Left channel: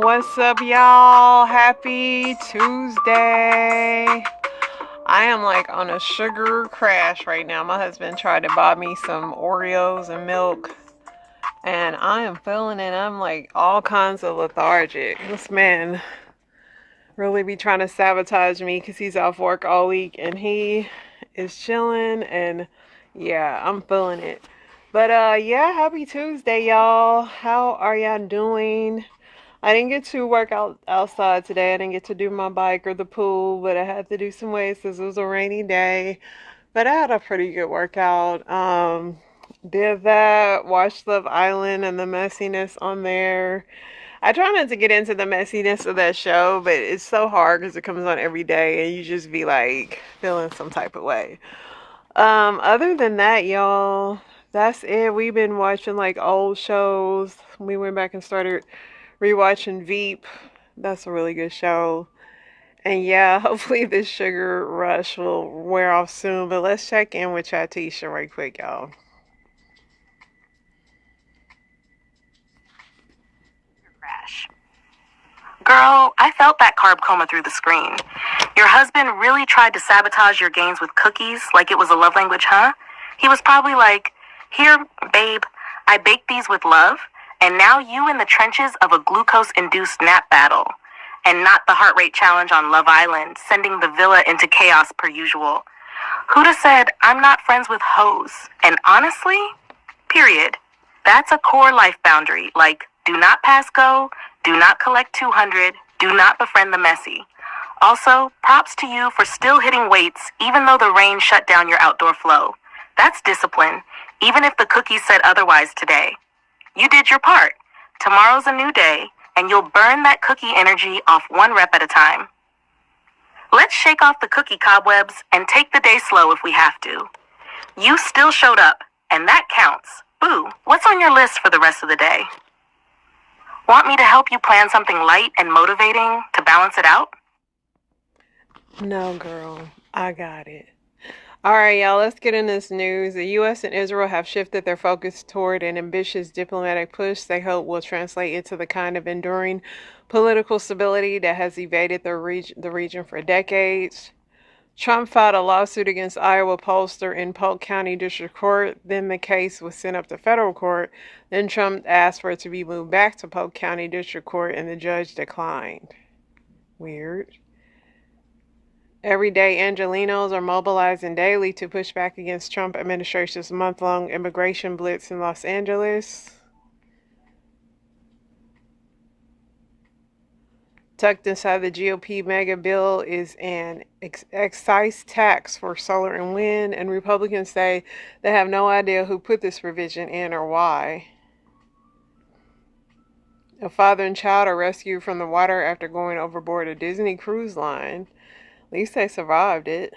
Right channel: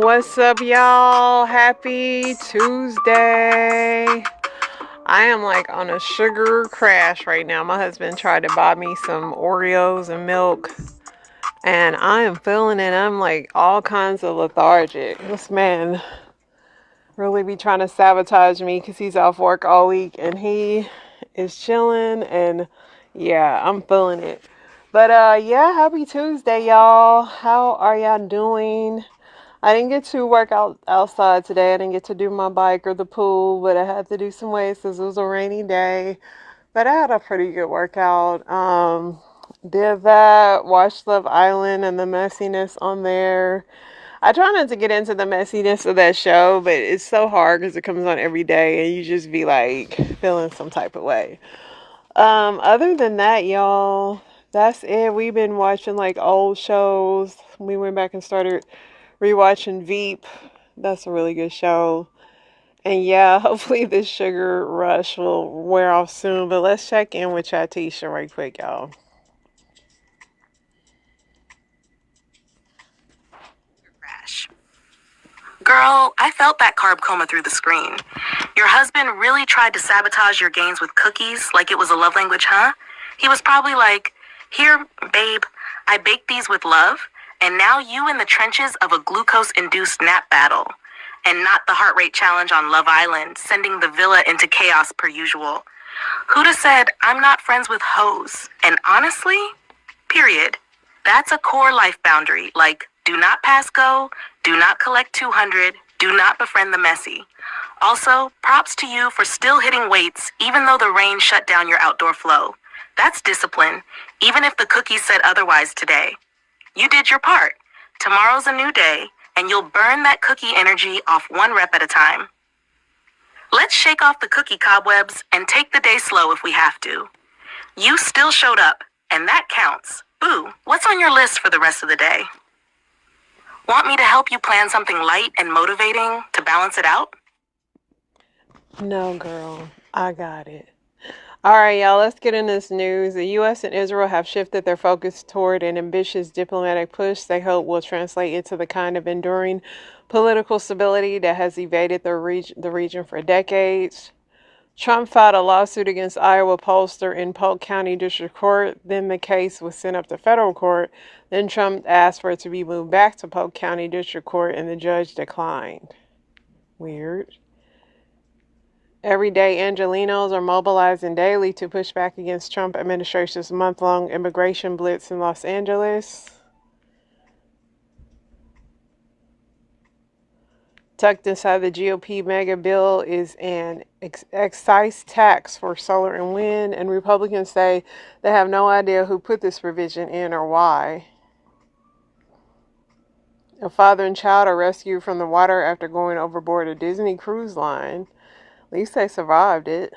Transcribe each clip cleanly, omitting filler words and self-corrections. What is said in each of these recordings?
What's up, y'all? Happy Tuesday. I am like on a sugar crash right now. My husband tried to buy me some Oreos and milk, and I am feeling it. I'm like all kinds of lethargic. This man really be trying to sabotage me because he's off work all week and he is chilling, and yeah, I'm feeling it. But yeah, happy Tuesday, y'all. How are y'all doing? I didn't get to work out outside today. I didn't get to do my bike or the pool, but I had to do some weights because it was a rainy day. But I had a pretty good workout. Did that, watched Love Island and the messiness on there. I try not to get into the messiness of that show, but it's so hard because it comes on every day and you just be like feeling some type of way. Other than that, y'all, that's it. We've been watching like old shows. We went back and started rewatching Veep. That's a really good show. And yeah, hopefully this sugar rush will wear off soon. But let's check in with Chatisha right quick, y'all. Crash. Girl, I felt that carb coma through the screen. Your husband really tried to sabotage your gains with cookies like it was a love language, huh? He was probably like, "Here, babe, I baked these with love, and now you in the trenches of a glucose-induced nap battle." And not the heart rate challenge on Love Island, sending the villa into chaos per usual. Who'd have said, "I'm not friends with hoes"? And honestly, period. That's a core life boundary, like, do not pass go, do not collect 200, do not befriend the messy. Also, props to you for still hitting weights even though the rain shut down your outdoor flow. That's discipline, even if the cookies said otherwise today. You did your part. Tomorrow's a new day, and you'll burn that cookie energy off one rep at a time. Let's shake off the cookie cobwebs and take the day slow if we have to. You still showed up, and that counts. Boo, what's on your list for the rest of the day? Want me to help you plan something light and motivating to balance it out? No, girl, I got it. All right, y'all, let's get in this news. The U.S. and Israel have shifted their focus toward an ambitious diplomatic push they hope will translate into the kind of enduring political stability that has evaded the region for decades. Trump filed a lawsuit against Iowa pollster in Polk County District Court. Then the case was sent up to federal court. Then Trump asked for it to be moved back to Polk County District Court, and the judge declined. Weird. Everyday Angelenos are mobilizing daily to push back against Trump administration's month-long immigration blitz in Los Angeles. Tucked inside the GOP mega bill is an excise tax for solar and wind, and Republicans say they have no idea who put this provision in or why. A father and child are rescued from the water after going overboard a Disney cruise line. At least they survived it.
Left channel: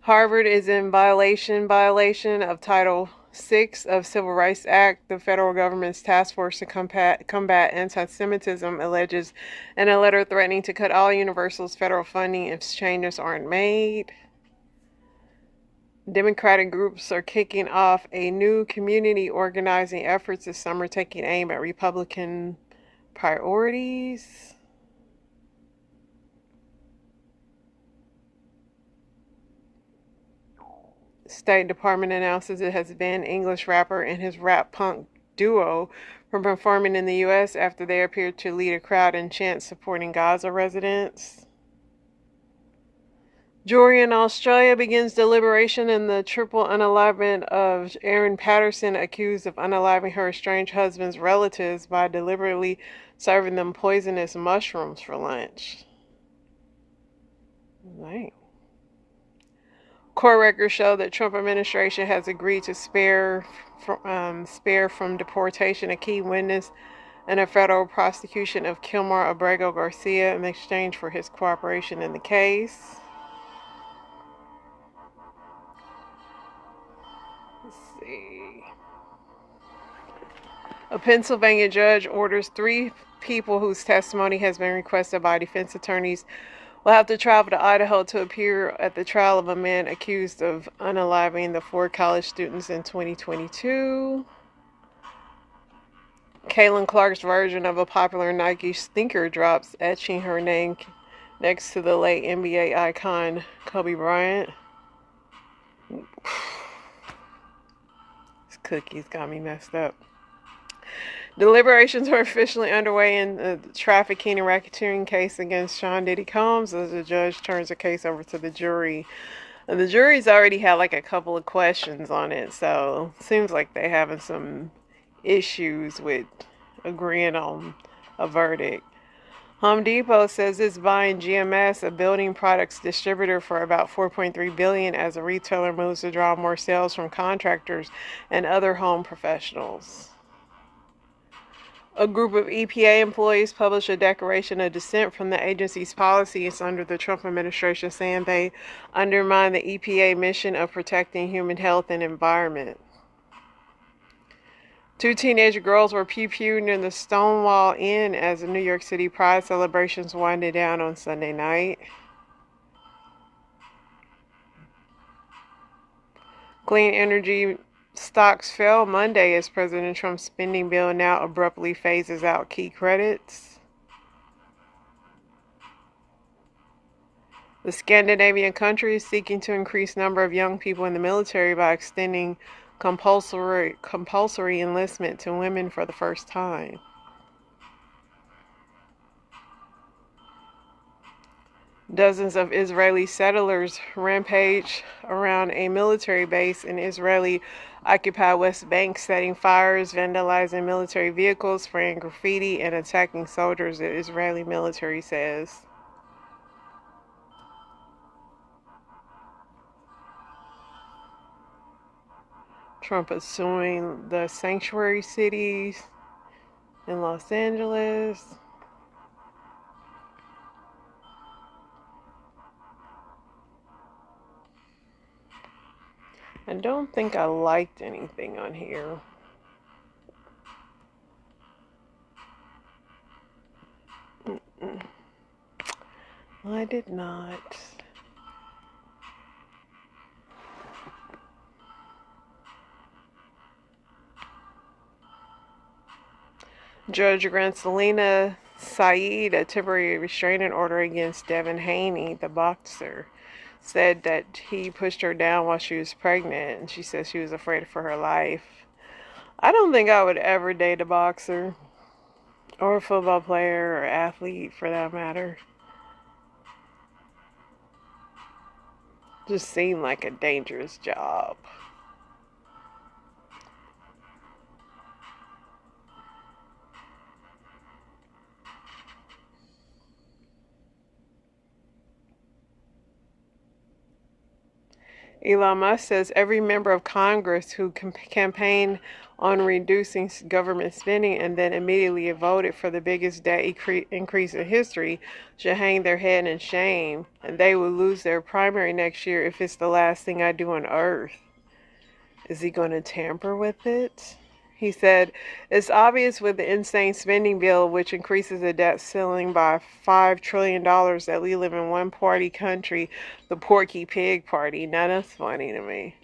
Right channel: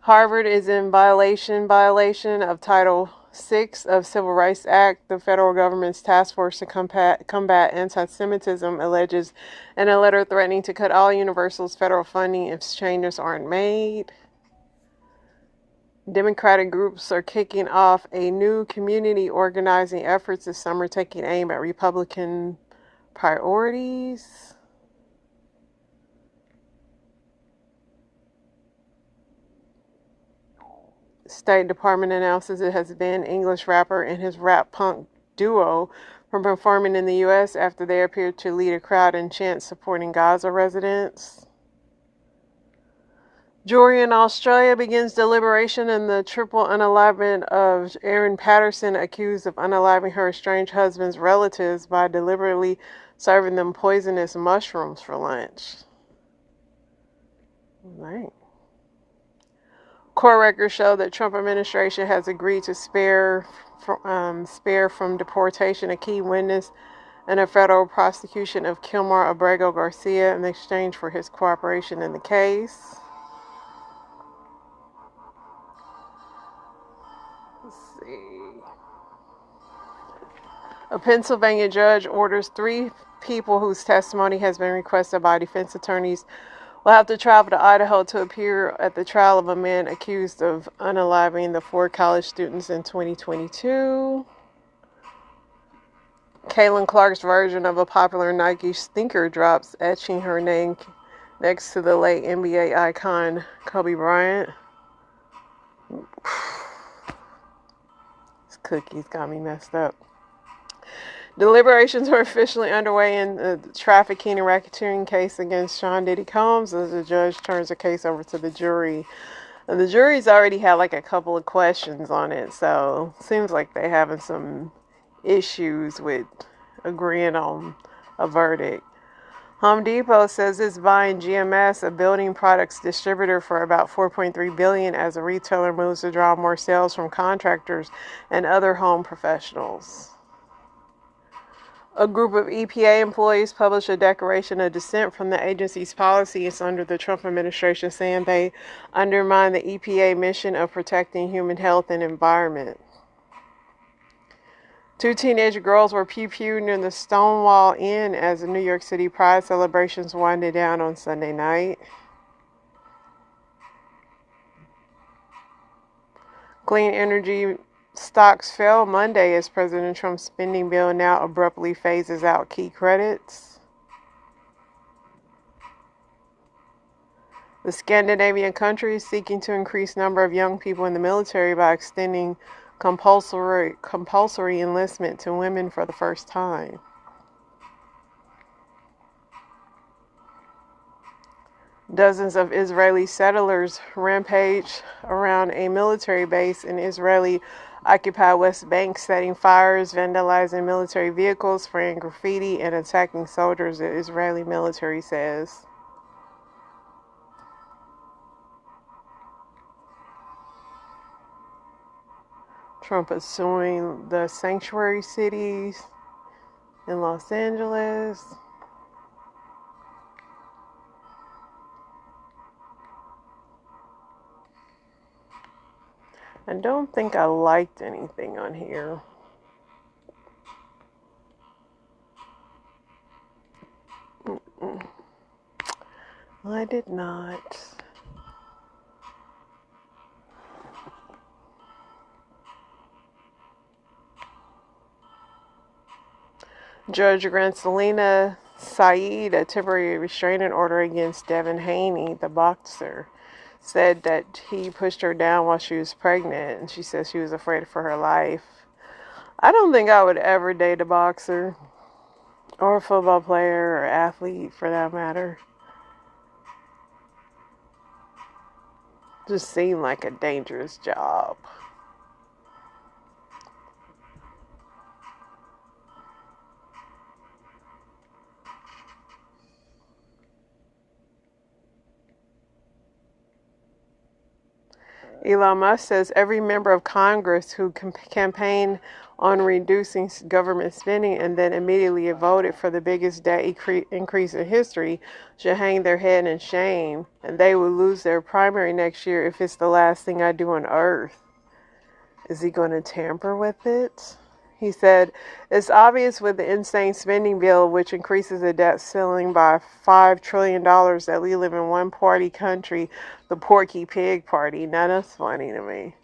Harvard is in violation of Title VI of Civil Rights Act. The federal government's task force to combat anti-Semitism alleges in a letter threatening to cut all Universal's federal funding if changes aren't made. Democratic groups are kicking off a new community organizing efforts this summer, taking aim at Republican priorities. State Department announces it has banned English rapper and his rap punk duo from performing in the U.S. after they appeared to lead a crowd in chants supporting Gaza residents. Jury in Australia begins deliberation in the triple unalivement of Erin Patterson, accused of unaliving her estranged husband's relatives by deliberately serving them poisonous mushrooms for lunch. Right. Court records show that Trump administration has agreed to spare from deportation a key witness in a federal prosecution of Kilmar Abrego Garcia in exchange for his cooperation in the case. Let's see. A Pennsylvania judge orders 3 people whose testimony has been requested by defense attorneys will have to travel to Idaho to appear at the trial of a man accused of unaliving the 4 college students in 2022. Caitlin Clark's version of a popular Nike sneaker drops, etching her name next to the late NBA icon Kobe Bryant. These cookies got me messed up. Deliberations are officially underway in the trafficking and racketeering case against Sean Diddy Combs as the judge turns the case over to the jury. And the jury's already had like a couple of questions on it, so it seems like they're having some issues with agreeing on a verdict. Home Depot says it's buying GMS, a building products distributor, for about $4.3 billion as the retailer moves to draw more sales from contractors and other home professionals. A group of EPA employees published a declaration of dissent from the agency's policies under the Trump administration, saying they undermine the EPA mission of protecting human health and environment. 2 teenage girls were pew-pewed in the Stonewall Inn as the New York City Pride celebrations winded down on Sunday night. Clean energy stocks fell Monday as President Trump's spending bill now abruptly phases out key credits. The Scandinavian countries seeking to increase number of young people in the military by extending compulsory enlistment to women for the first time. Dozens of Israeli settlers rampage around a military base in Israeli-occupied West Bank, setting fires, vandalizing military vehicles, spraying graffiti, and attacking soldiers, the Israeli military says. Trump is suing the sanctuary cities in Los Angeles. I don't think I liked anything on here. I did not. Judge grants Selena Saeed a temporary restraining order against Devin Haney, the boxer. Said that he pushed her down while she was pregnant, and she said she was afraid for her life. I don't think I would ever date a boxer, or a football player, or athlete for that matter. Just seemed like a dangerous job. Elon Musk says every member of Congress who campaigned on reducing government spending and then immediately voted for the biggest debt increase in history should hang their head in shame, and they will lose their primary next year if it's the last thing I do on earth. Is he going to tamper with it? He said, it's obvious with the insane spending bill, which increases the debt ceiling by $5 trillion, that we live in one-party country, the Porky Pig Party. Now that's funny to me.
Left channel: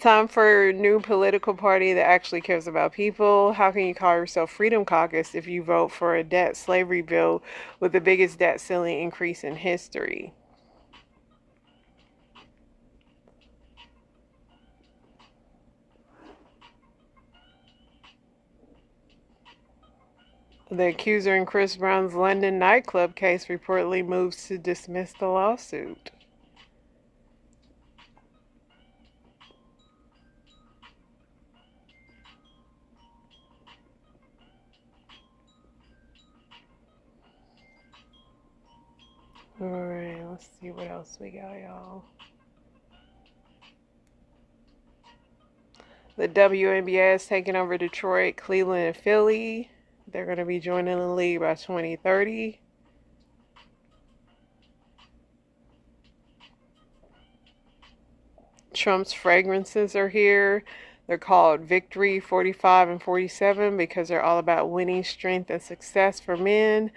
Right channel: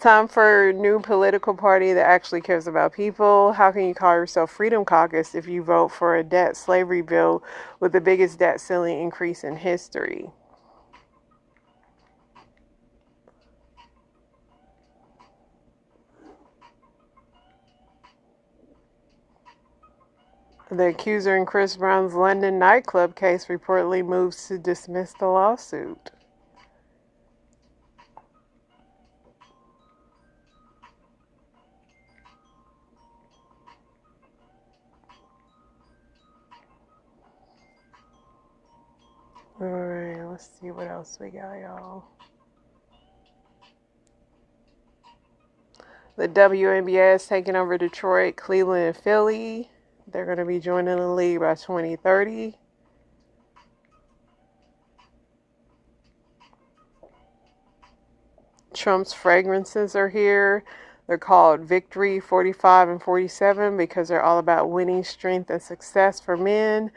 Time for a new political party that actually cares about people. How can you call yourself Freedom Caucus if you vote for a debt slavery bill with the biggest debt ceiling increase in history? The accuser in Chris Brown's London nightclub case reportedly moves to dismiss the lawsuit. Alright, let's see what else we got, y'all. The WNBA is taking over Detroit, Cleveland, and Philly. They're going to be joining the league by 2030. Trump's fragrances are here. They're called Victory 45 and 47 because they're all about winning, strength, and success for men.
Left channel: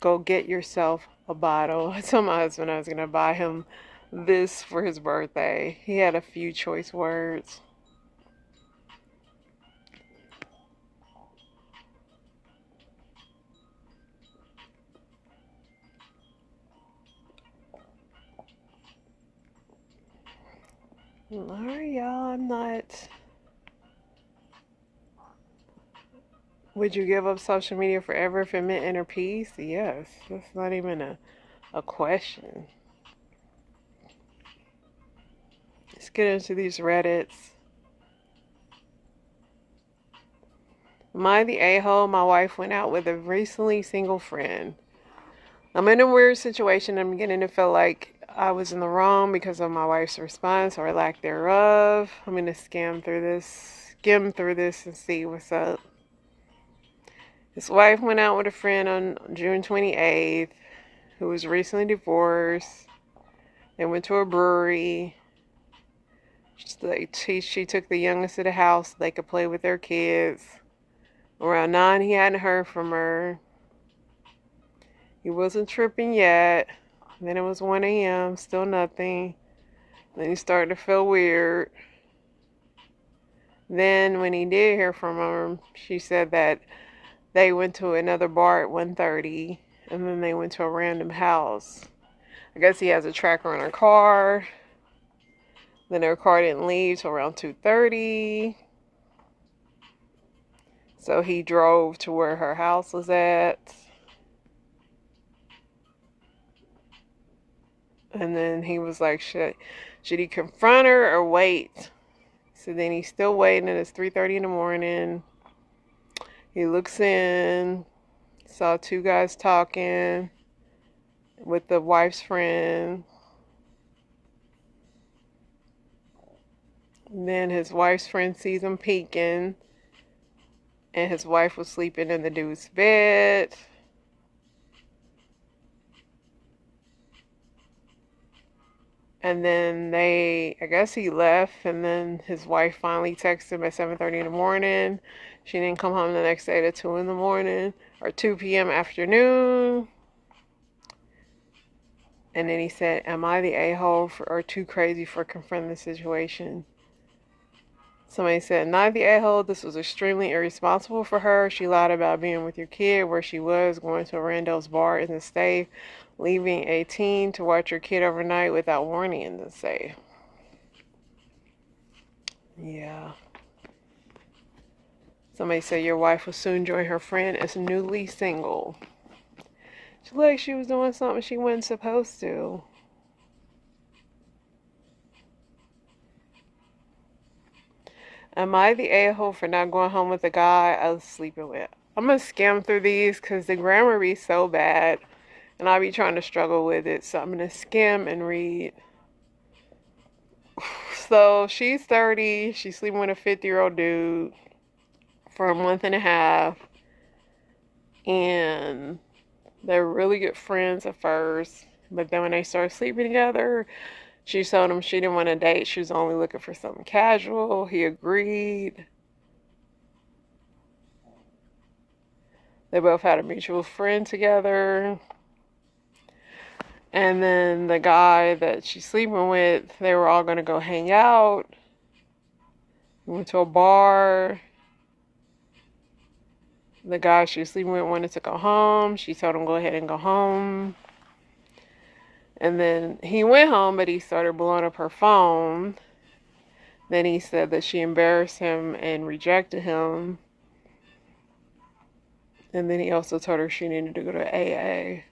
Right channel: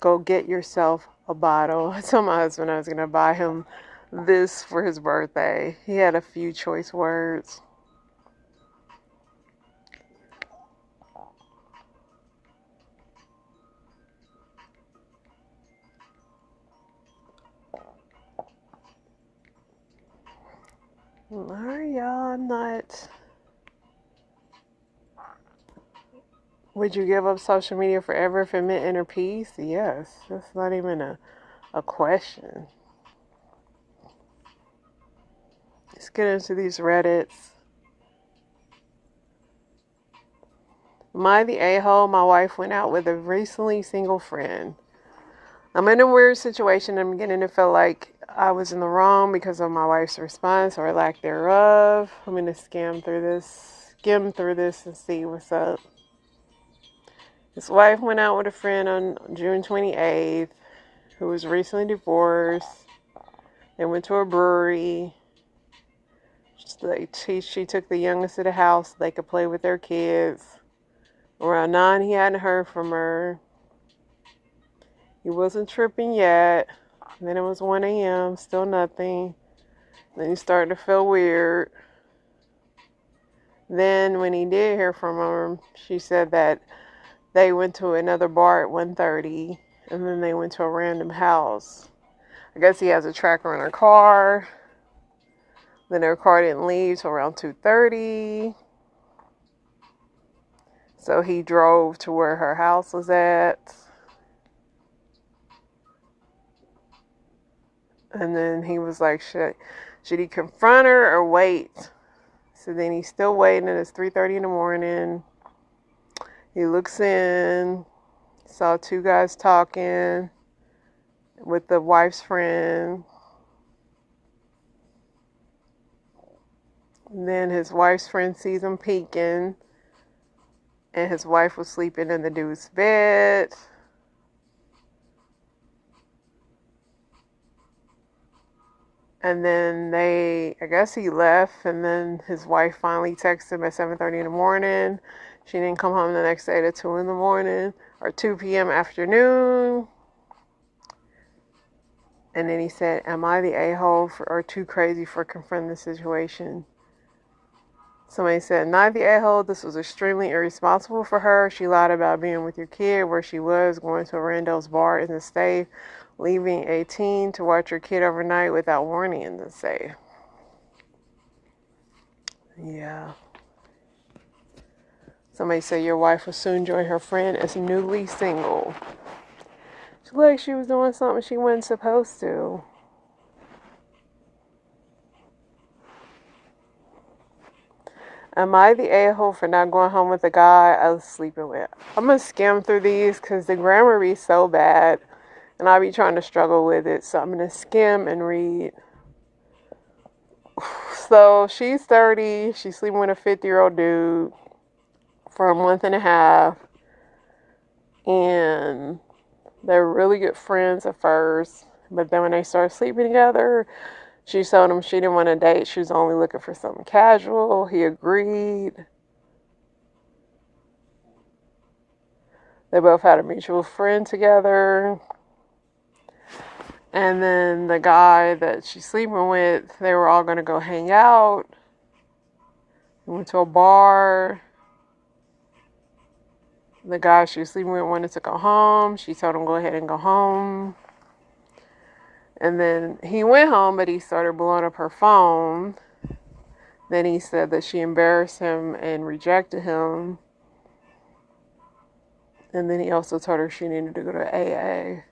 Go get yourself a bottle. I told my husband I was going to buy him this for his birthday. He had a few choice words. Alright, y'all, I'm not. Would you give up social media forever if it meant inner peace? Yes. That's not even a question. Let's get into these Reddits. Am I the a-hole? My wife went out with a recently single friend. I'm in a weird situation. I'm beginning to feel like I was in the wrong because of my wife's response or lack thereof. I'm going to skim through this and see what's up. His wife went out with a friend on June 28th who was recently divorced. They went to a brewery. She took the youngest to the house so they could play with their kids. Around 9, he hadn't heard from her. He wasn't tripping yet. Then it was 1 a.m., still nothing. Then he started to feel weird. Then when he did hear from her, she said that they went to another bar at 1:30, and then they went to a random house. I guess he has a tracker in her car. Then her car didn't leave till around 2:30. So he drove to where her house was at. And then he was like, should he confront her or wait? So then he's still waiting, and it's 3:30 in the morning. He looks in, saw 2 guys talking with the wife's friend. And then his wife's friend sees him peeking, and his wife was sleeping in the dude's bed. And then I guess he left, and then his wife finally texted him at 7:30 in the morning. She didn't come home the next day at 2 in the morning, or 2 p.m. afternoon. And then he said, am I the a-hole or too crazy for confronting the situation? Somebody said, not the a-hole. This was extremely irresponsible for her. She lied about being with your kid, where she was, going to a rando's bar in the state, leaving a teen to watch your kid overnight without warning in the safe. Yeah. Somebody said your wife will soon join her friend as newly single. She looked like she was doing something she wasn't supposed to. Am I the a-hole for not going home with the guy I was sleeping with? I'm going to skim through these because the grammar be so bad, and I'll be trying to struggle with it. So I'm going to skim and read. So she's 30. She's sleeping with a 50-year-old dude for a month and a half. And they're really good friends at first. But then when they started sleeping together, she told him she didn't want to date. She was only looking for something casual. He agreed. They both had a mutual friend together. And then the guy that she's sleeping with, they were all going to go hang out. We went to a bar. The guy she was sleeping with wanted to go home. She told him go ahead and go home. And then he went home, but he started blowing up her phone. Then he said that she embarrassed him and rejected him. And then he also told her she needed to go to AA.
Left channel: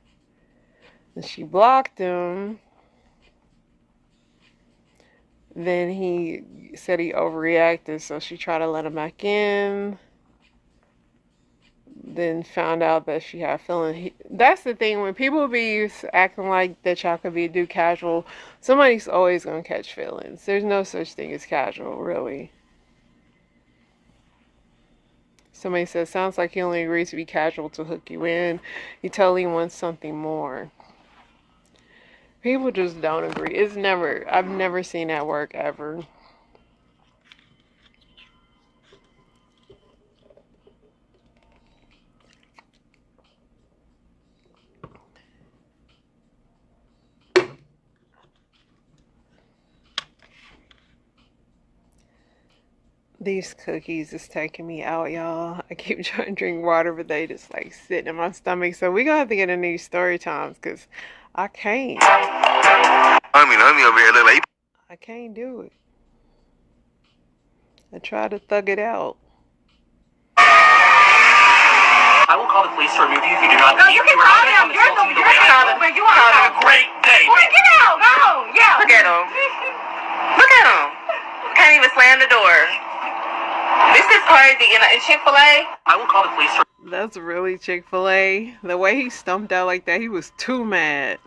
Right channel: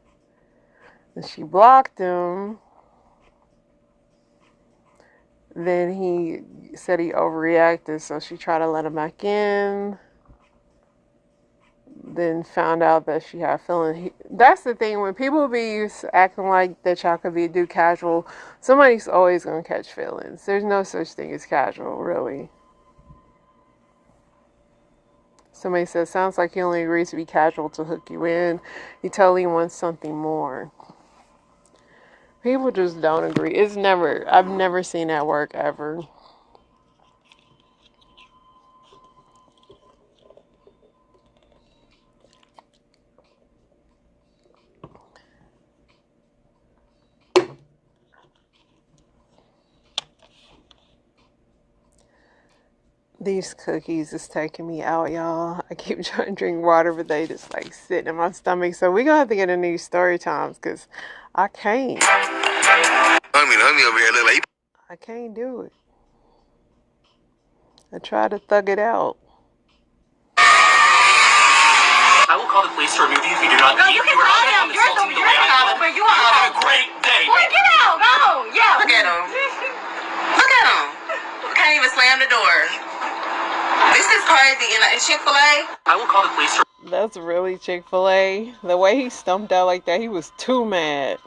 And she blocked him. Then he said he overreacted, so she tried to let him back in. Then found out that she had feelings. That's the thing, when people be acting like that y'all could do casual, somebody's always going to catch feelings. There's no such thing as casual, really. Somebody says, sounds like he only agrees to be casual to hook you in. He totally wants something more. People just don't agree. I've never seen that work ever. These cookies is taking me out, y'all. I keep trying to drink water, but they just like sitting in my stomach. So we're going to have to get into these story times because I can't. Homie over here look like I can't do it. I try to thug it out. I will call the police to remove you if you do not leave. You can call them. You're where you are. Having a great day. Boy, get out. Go. Yeah. Look at him. Look at him. Can't even slam the door. This is crazy. And Chick-fil-A. I will call the police. That's really Chick-fil-A. The way he stumped out like that, he was too mad.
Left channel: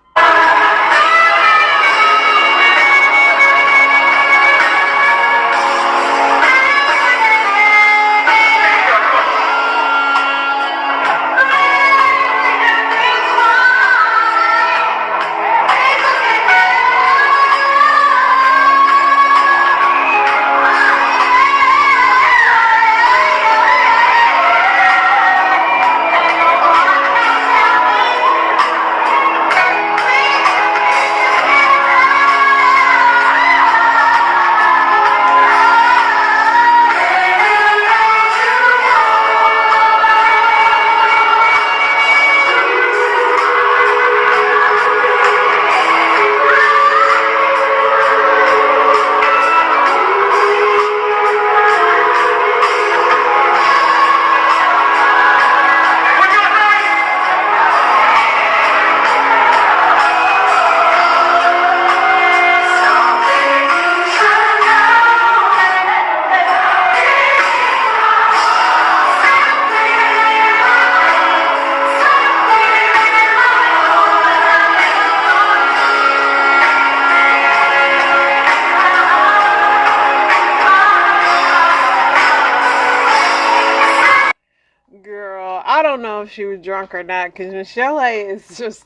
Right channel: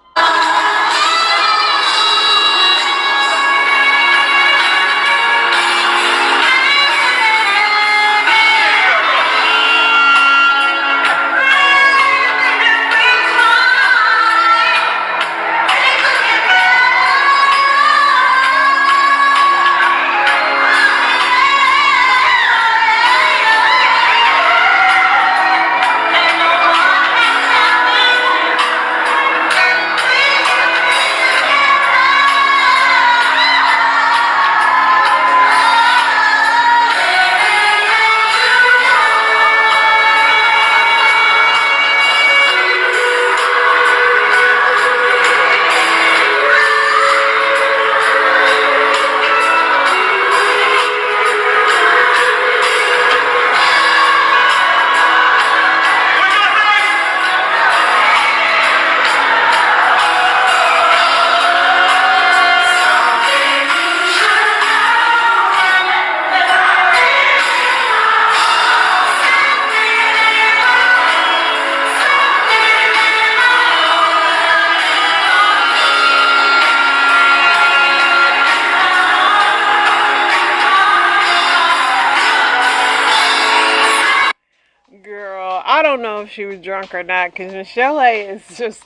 I don't know if she was drunk or not, because Michelle is just,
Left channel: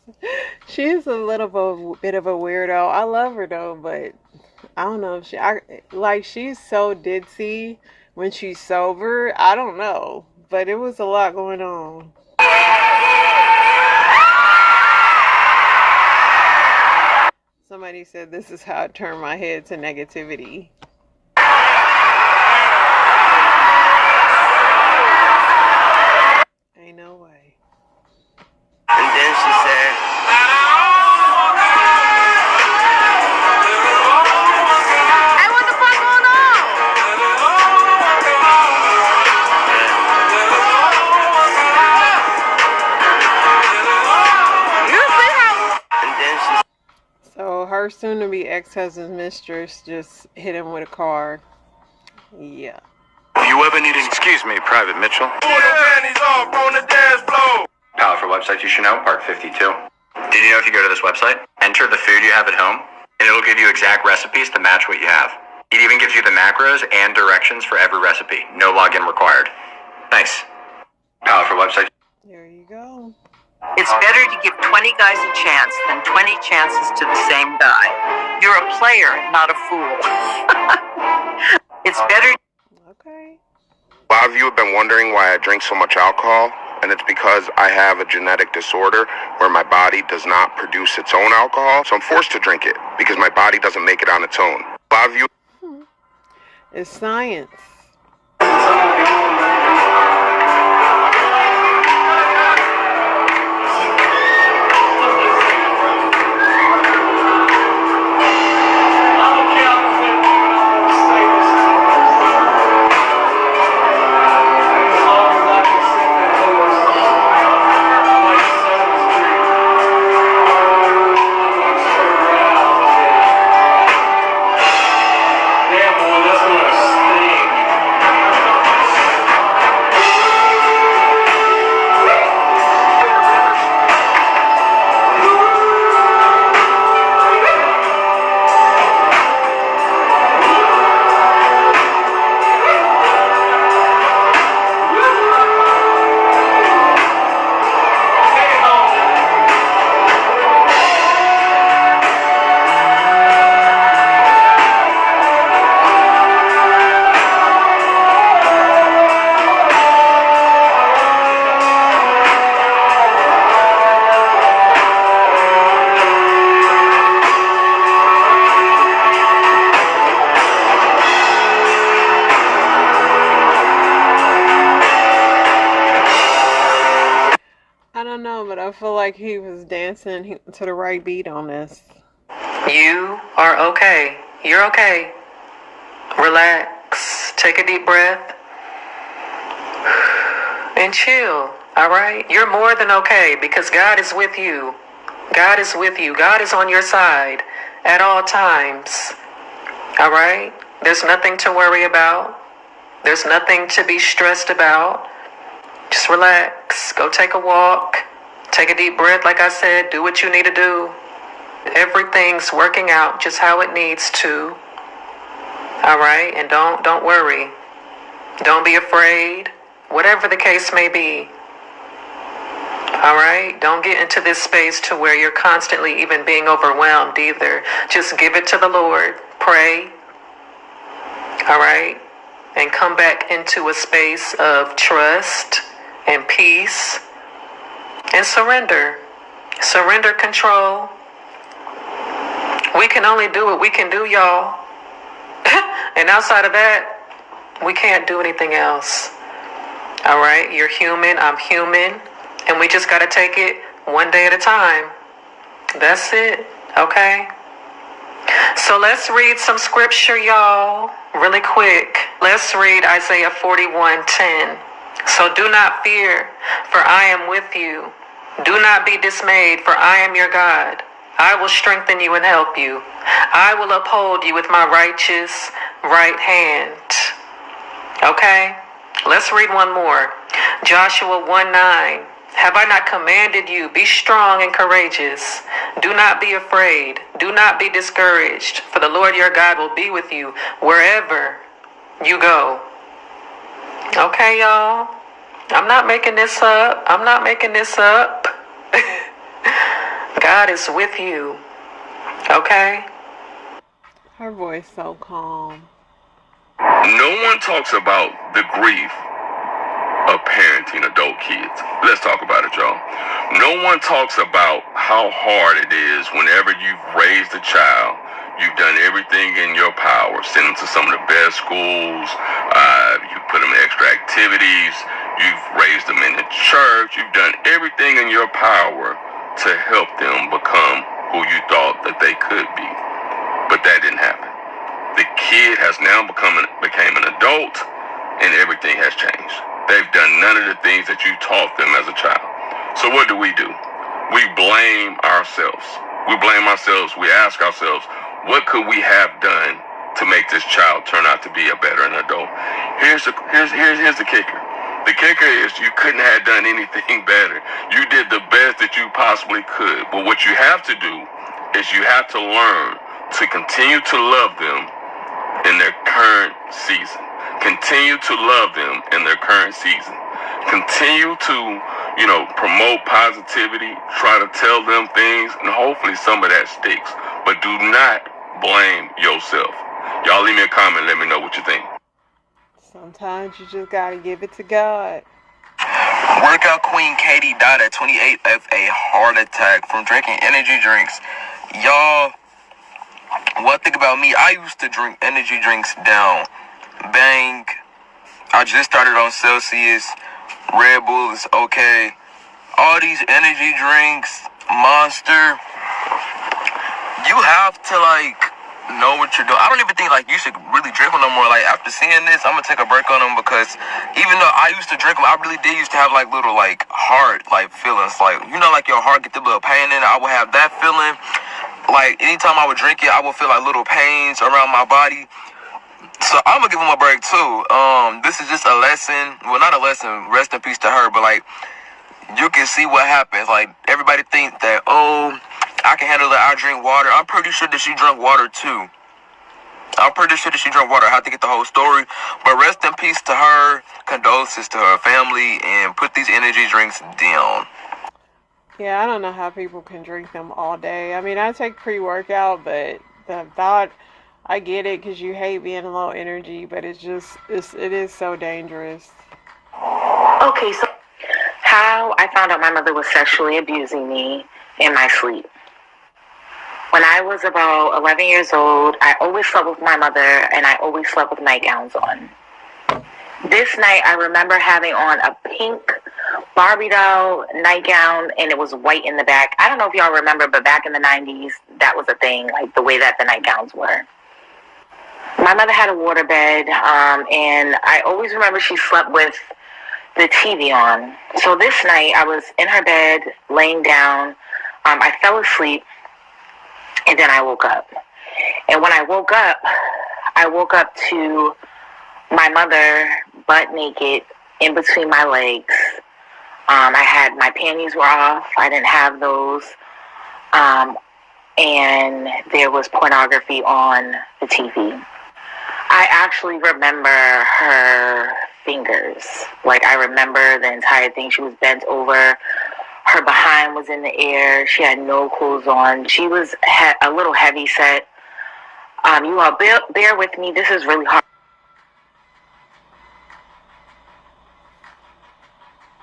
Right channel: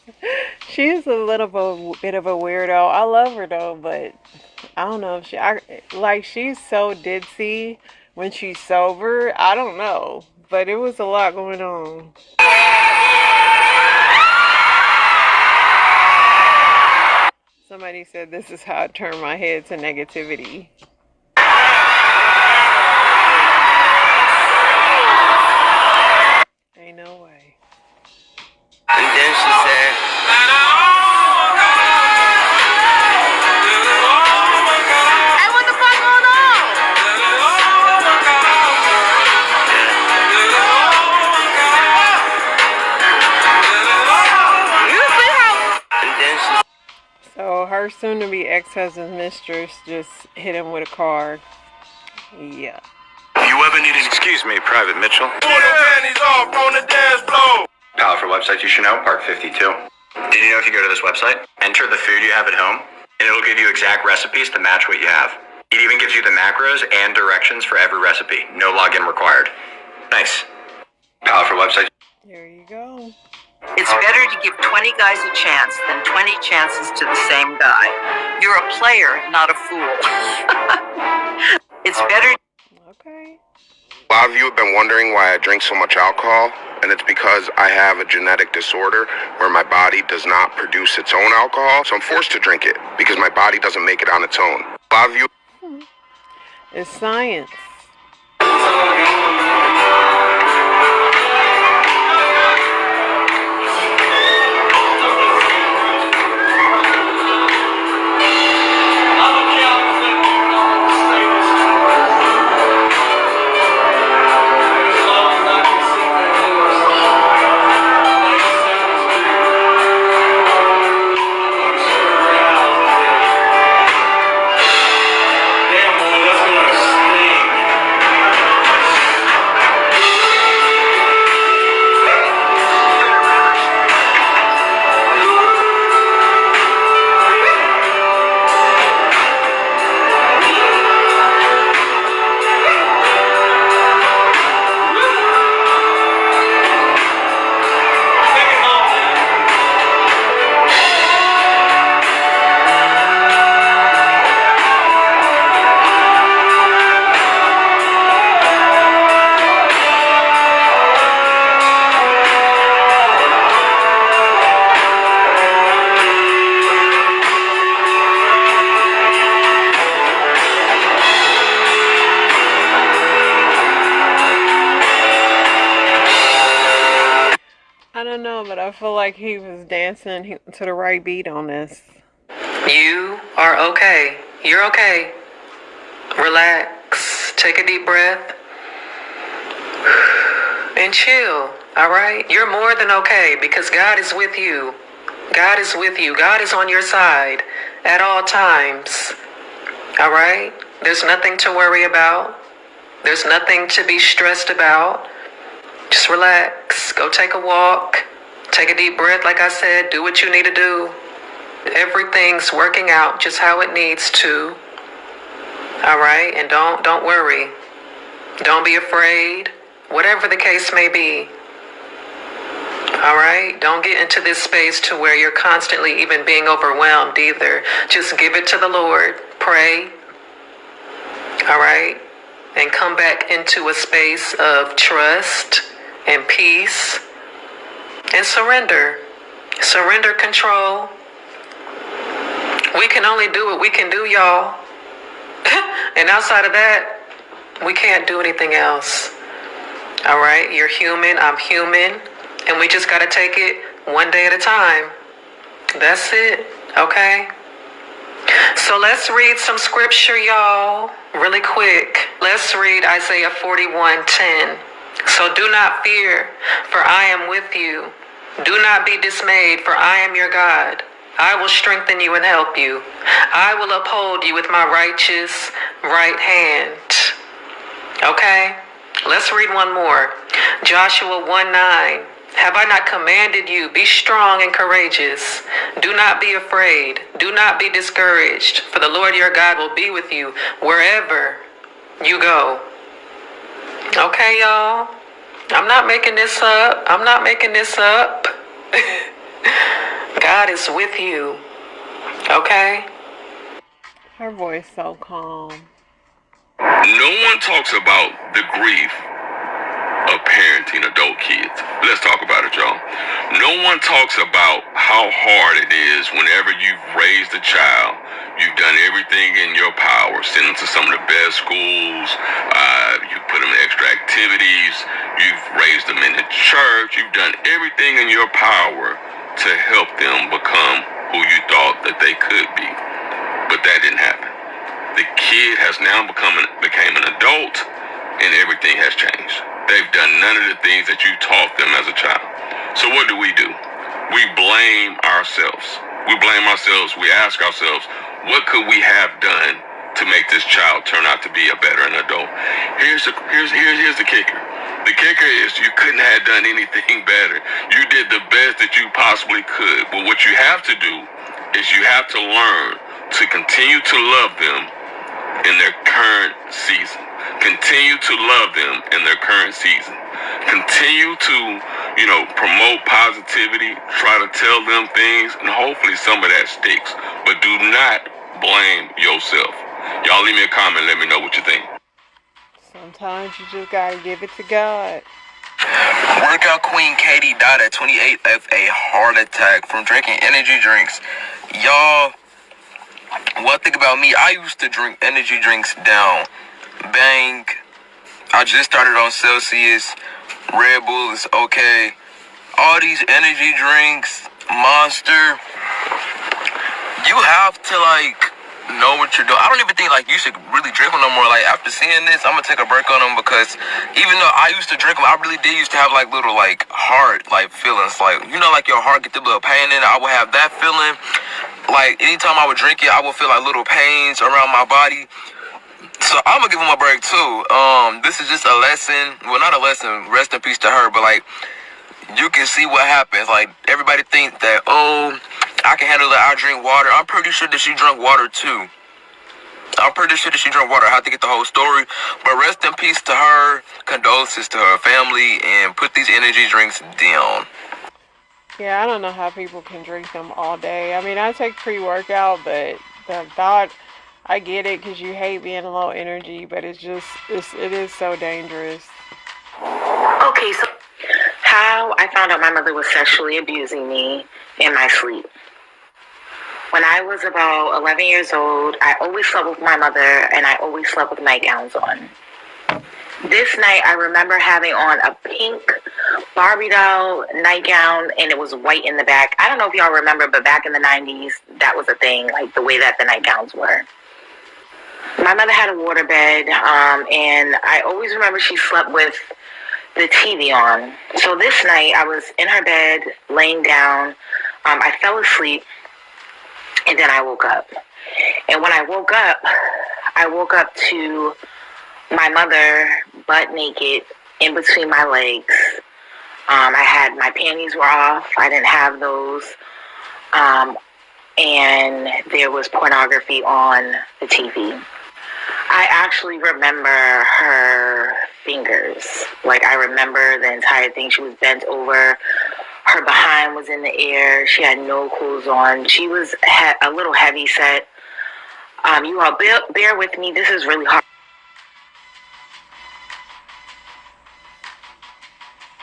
she's a little bit of a weirdo. I love her though, but I don't know if she's so ditzy when she's sober. I don't know, but it was a lot going on. Somebody said this is how I turn my head to negativity. Ain't no way. And then she said, Hey, what the fuck going on? You see how? and then she So her soon-to-be ex-husband's mistress just hit him with a car. Yeah. You ever need an... Excuse me, Private Mitchell. Pal, for websites you should know, Park 52. Did you know if you go to this website, enter the food you have at home, and it'll give you exact recipes to match what you have. It even gives you the macros and directions for every recipe. No login required. Nice. Pal, for websites... There you go. It's better to give 20 guys a chance than 20 chances to the same guy. You're a player, not a fool. It's better. Okay. A lot of you have been wondering why I drink so much alcohol, and it's because I have a genetic disorder where my body does not produce its own alcohol, so I'm forced to drink it because my body doesn't make it on its own. A lot of you... It's science. I don't know, but I feel like he was dancing to the right beat on this. You are okay. You're okay. Relaxed. Take a deep breath and chill, all right? You're more than okay because God is with you. God is with you. God is on your side at all times, all right? There's nothing to worry about. There's nothing to be stressed about. Just relax. Go take a walk. Take a deep breath, like I said. Do what you need to do. Everything's working out just how it needs to. All right? And don't worry. Don't be afraid. Whatever the case may be. All right? Don't get into this space to where you're constantly even being overwhelmed either. Just give it to the Lord. Pray. All right? And come back into a space of trust and peace and surrender. Surrender control. We can only do what we can do, y'all. And outside of that, we can't do anything else. All right? You're human, I'm human, and we just got to take it one day at a time. That's it, okay? So let's read some scripture, y'all, really quick. Let's read Isaiah 41:10. So do not fear, for I am with you. Do not be dismayed, for I am your God. I will strengthen you and help you. I will uphold you with my righteous right hand. Okay? Let's read one more. Joshua 1:9. Have I not commanded you? Be strong and courageous. Do not be afraid. Do not be discouraged, for the Lord your God will be with you wherever you go. Okay, y'all? I'm not making this up. I'm not making this up. God is with you. Okay? Her voice so calm. No one talks about the grief of parenting adult kids. Let's talk about it, y'all. No one talks about how hard it is whenever you've raised a child. You've done everything in your power. Send them to some of the best schools. You put them in extra activities. You've raised them in the church. You've done everything in your power to help them become who you thought that they could be. But that didn't happen. The kid has now became an adult, and everything has changed. They've done none of the things that you taught them as a child. So what do? We blame ourselves. We blame ourselves. We ask ourselves, what could we have done to make this child turn out to be a better adult? Here's the kicker. The kicker is you couldn't have done anything better. You did the best that you possibly could. But what you have to do is you have to learn to continue to love them in their current season. Continue to love them in their current season. Continue to, promote positivity, try to tell them things, and hopefully some of that sticks. But do not blame yourself. Y'all leave me a comment, let me know what you think. Sometimes you just gotta give it to God. Workout queen Katie died at 28 of a heart attack from drinking energy drinks. Y'all, one thing about me, I used to drink energy drinks down. Bang. I just started on Celsius. Red Bull is okay. All these energy drinks, Monster. You have to know what you're doing. I don't even think you should really drink them no more. After seeing this, I'm gonna take a break on them because even though I used to drink them, I really did used to have little heart feelings. Your heart get the little pain in it. I would have that feeling. Anytime I would drink it, I would feel little pains around my body. So I'm gonna give him a break too. This is just a lesson. Well, not a lesson. Rest in peace to her. But you can see what happens. Everybody thinks that, I can handle it. I drink water. I'm pretty sure that she drank water too. I have to get the whole story. But rest in peace to her. Condolences to her family, and put these energy drinks down. Yeah, I don't know how people can drink them all day. I mean, I take pre-workout, but the thought, I get it because you hate being low energy, but it is so dangerous. Okay, so how I found out my mother was sexually abusing me in my sleep. When I was about 11 years old, I always slept with my mother, and I always slept with nightgowns on. This night, I remember having on a pink Barbie doll nightgown, and it was white in the back. I don't know if y'all remember, but back in the 90s, that was a thing, the way that the nightgowns were. My mother had a waterbed, and I always remember she slept with the TV on. So this night, I was in her bed, laying down. I fell asleep, and then I woke up. And when I woke up to my mother butt naked in between my legs. I had my panties were off. I didn't have those. And there was pornography on the TV. I actually remember her fingers. Like, I remember the entire thing. She was bent over. Her behind was in the air. She had no clothes on. She was a little heavy set. You all bear with me. This is really hard.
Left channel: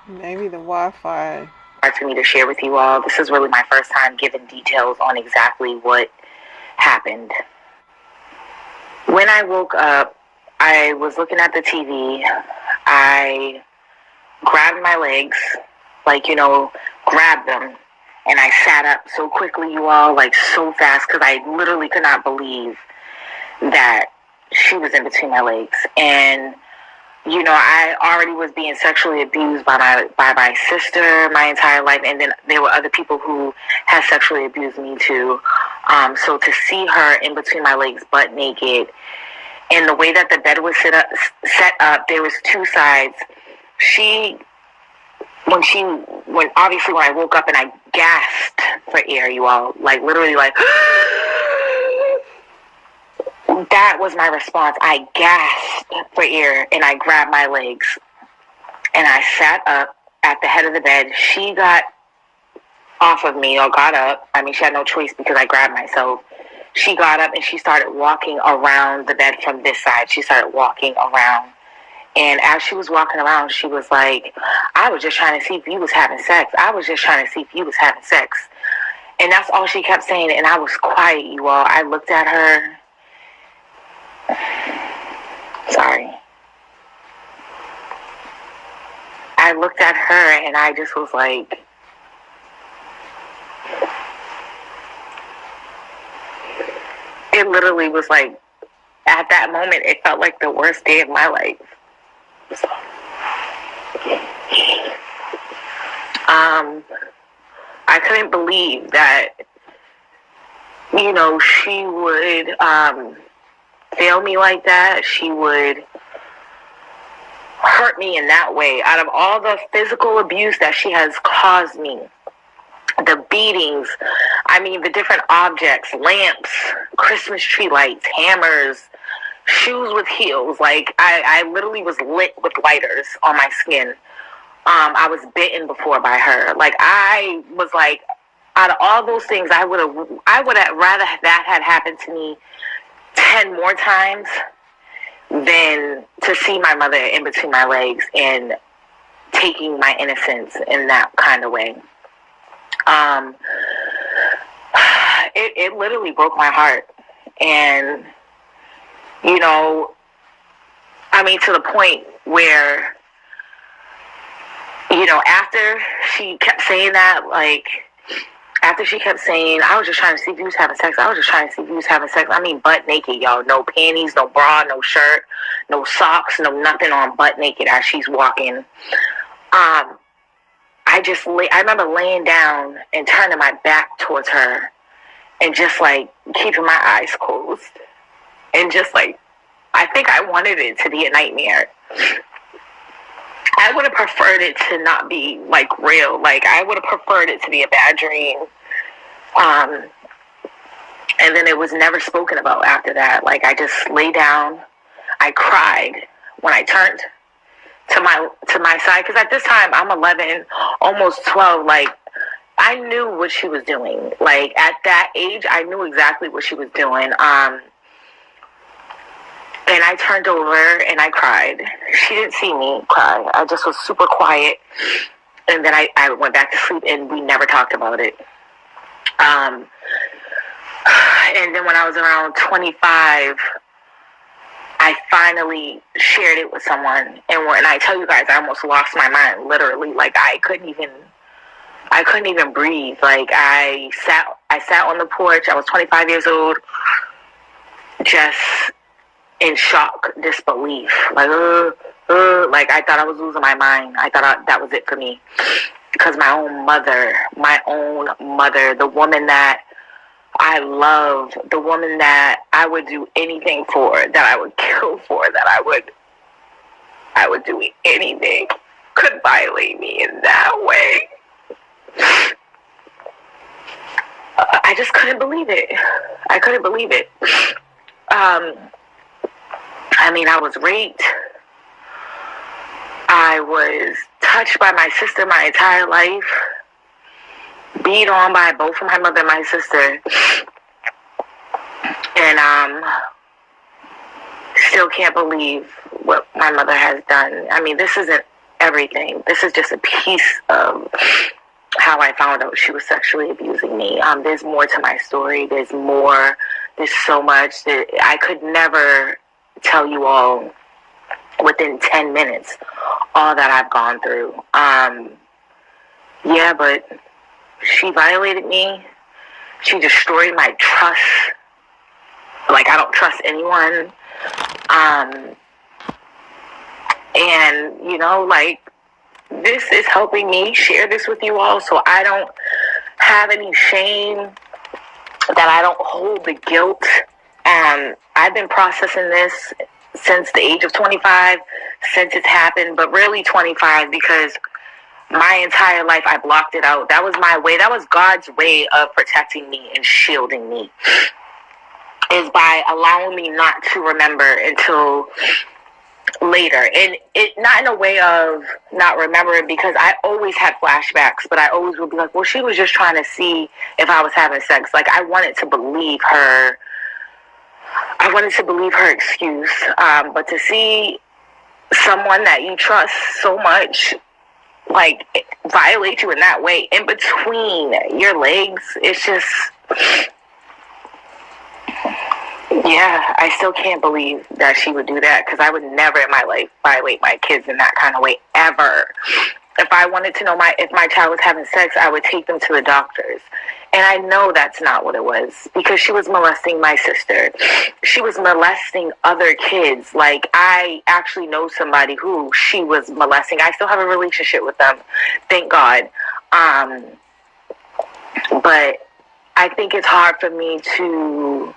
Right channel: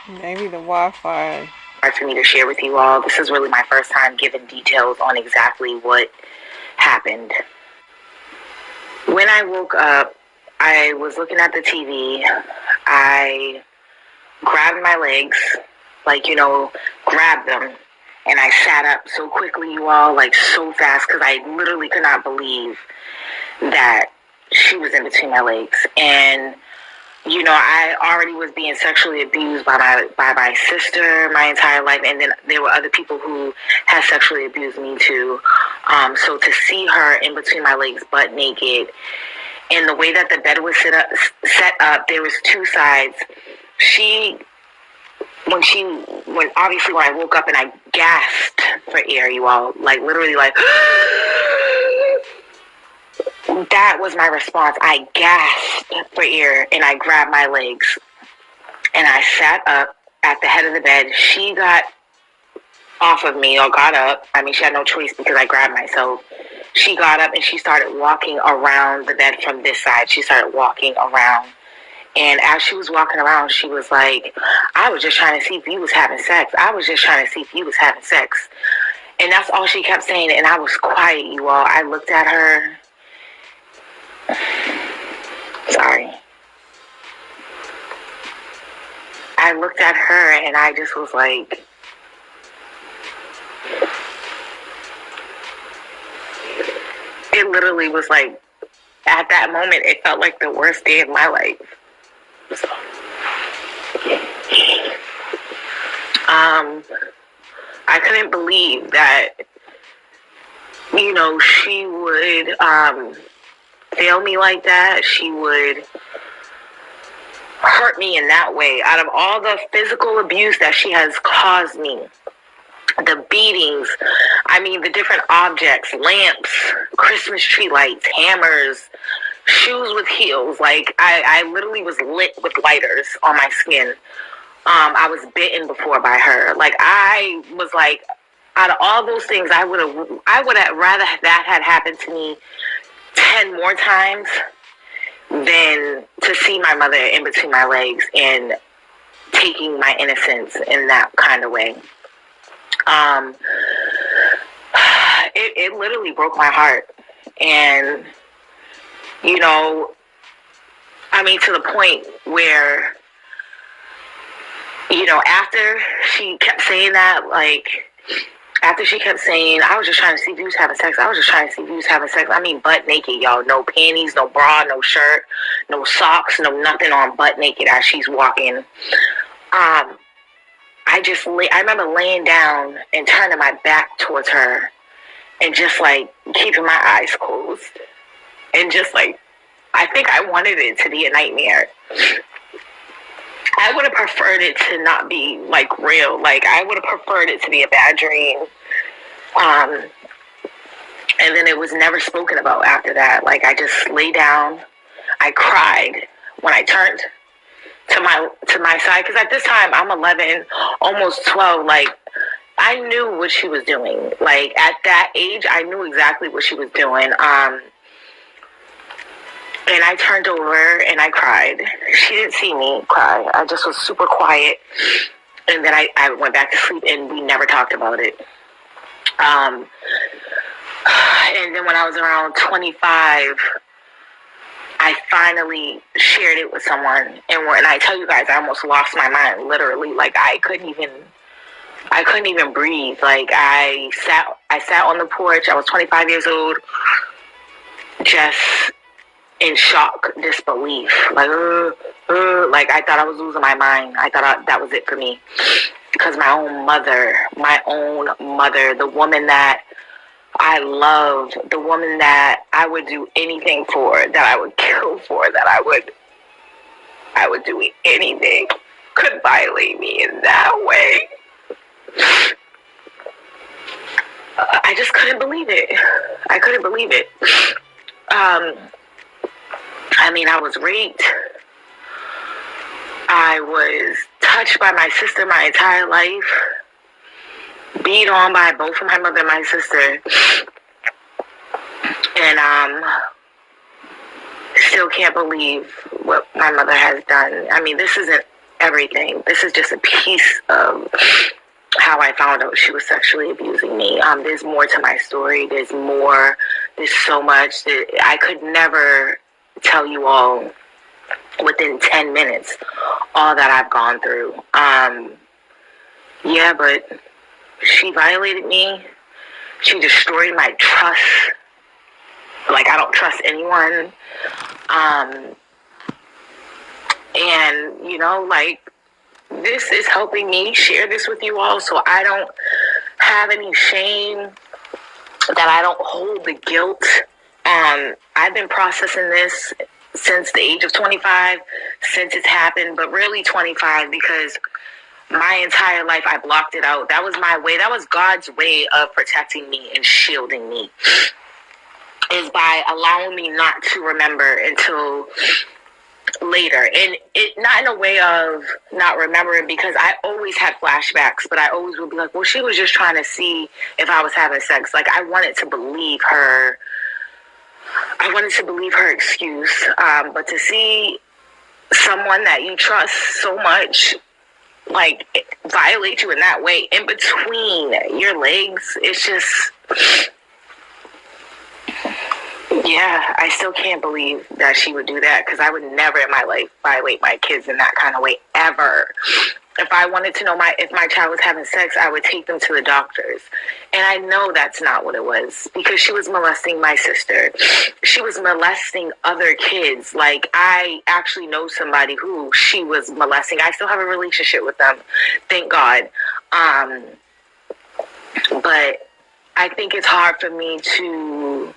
Maybe the Wi-Fi. Hard for me to share with you all. This is really my first time giving details on exactly what happened. When I woke up, I was looking at the TV. I grabbed my legs, grabbed them, and I sat up so quickly, you all, so fast, because I literally could not believe that she was in between my legs. And I already was being sexually abused by my sister my entire life, and then there were other people who had sexually abused me too. So to see her in between my legs, butt naked, and the way that the bed was set up, there was two sides. When I woke up and I gasped for air, you all, literally that was my response. I gasped for air and I grabbed my legs and I sat up at the head of the bed. She got off of me or got up. I mean, she had no choice because I grabbed myself. She got up and she started walking around the bed from this side. She started walking around. And as she was walking around, she was like, I was just trying to see if you was having sex. I was just trying to see if you was having sex. And that's all she kept saying. And I was quiet, you all. I looked at her. Sorry. I looked at her and I just was like, it literally was like, at that moment, it felt like the worst day of my life. So, I couldn't believe that, she would fail me like that. She would hurt me in that way. Out of all the physical abuse that she has caused me, the beatings, the different objects, lamps, Christmas tree lights, hammers, shoes with heels. I literally was lit with lighters on my skin. I was bitten before by her. I was out of all those things, I would have rather that had happened to me 10 more times than to see my mother in between my legs and taking my innocence in that kind of way. It literally broke my heart. And, to the point where, after she kept saying that, after she kept saying, I was just trying to see if you was having sex. I was just trying to see if you was having sex. Butt naked, y'all. No panties, no bra, no shirt, no socks, no nothing on, butt naked as she's walking. I remember laying down and turning my back towards her and just keeping my eyes closed. And just I think I wanted it to be a nightmare. I would have preferred it to not be real. I would have preferred it to be a bad dream. And then it was never spoken about after that. I just lay down. I cried when I turned to my side, because at this time I'm 11, almost 12. I knew what she was doing. At that age, I knew exactly what she was doing. And I turned over and I cried. She didn't see me cry. I just was super quiet. And then I went back to sleep and we never talked about it. And then when I was around 25, I finally shared it with someone. And when I tell you guys, I almost lost my mind, literally. I couldn't even breathe. I sat on the porch. I was 25 years old, just in shock, disbelief. Like I thought I was losing my mind. I thought that was it for me. Because my own mother, the woman that I loved, the woman that I would do anything for, that I would kill for, that I would do anything, could violate me in that way. I just couldn't believe it. I couldn't believe it. I mean, I was raped. I was touched by my sister my entire life. Beat on by both of my mother and my sister. And still can't believe what my mother has done. I mean, this isn't everything. This is just a piece of how I found out she was sexually abusing me. There's more to my story. There's more. There's so much that I could never tell you all within 10 minutes all that I've gone through. Yeah, but she violated me. She destroyed my trust. Like, I don't trust anyone. And, you know, like, this is helping me share this with you all so I don't have any shame, that I don't hold the guilt. I've been processing this since the age of 25, since it's happened, but really 25, because my entire life I blocked it out. That was my way. That was God's way of protecting me and shielding me, is by allowing me not to remember until later. And it not in a way of not remembering, because I always had flashbacks, but I always would be like, well, she was just trying to see if I was having sex. Like, I wanted to believe her. I wanted to believe her excuse. But to see someone that you trust so much, like, violate you in that way, in between your legs, it's just, yeah, I still can't believe that she would do that, because I would never in my life violate my kids in that kind of way, ever. If I wanted to know if my child was having sex, I would take them to the doctors. And I know that's not what it was, because she was molesting my sister. She was molesting other kids. Like, I actually know somebody who she was molesting. I still have a relationship with them, thank God. But I think it's hard for me to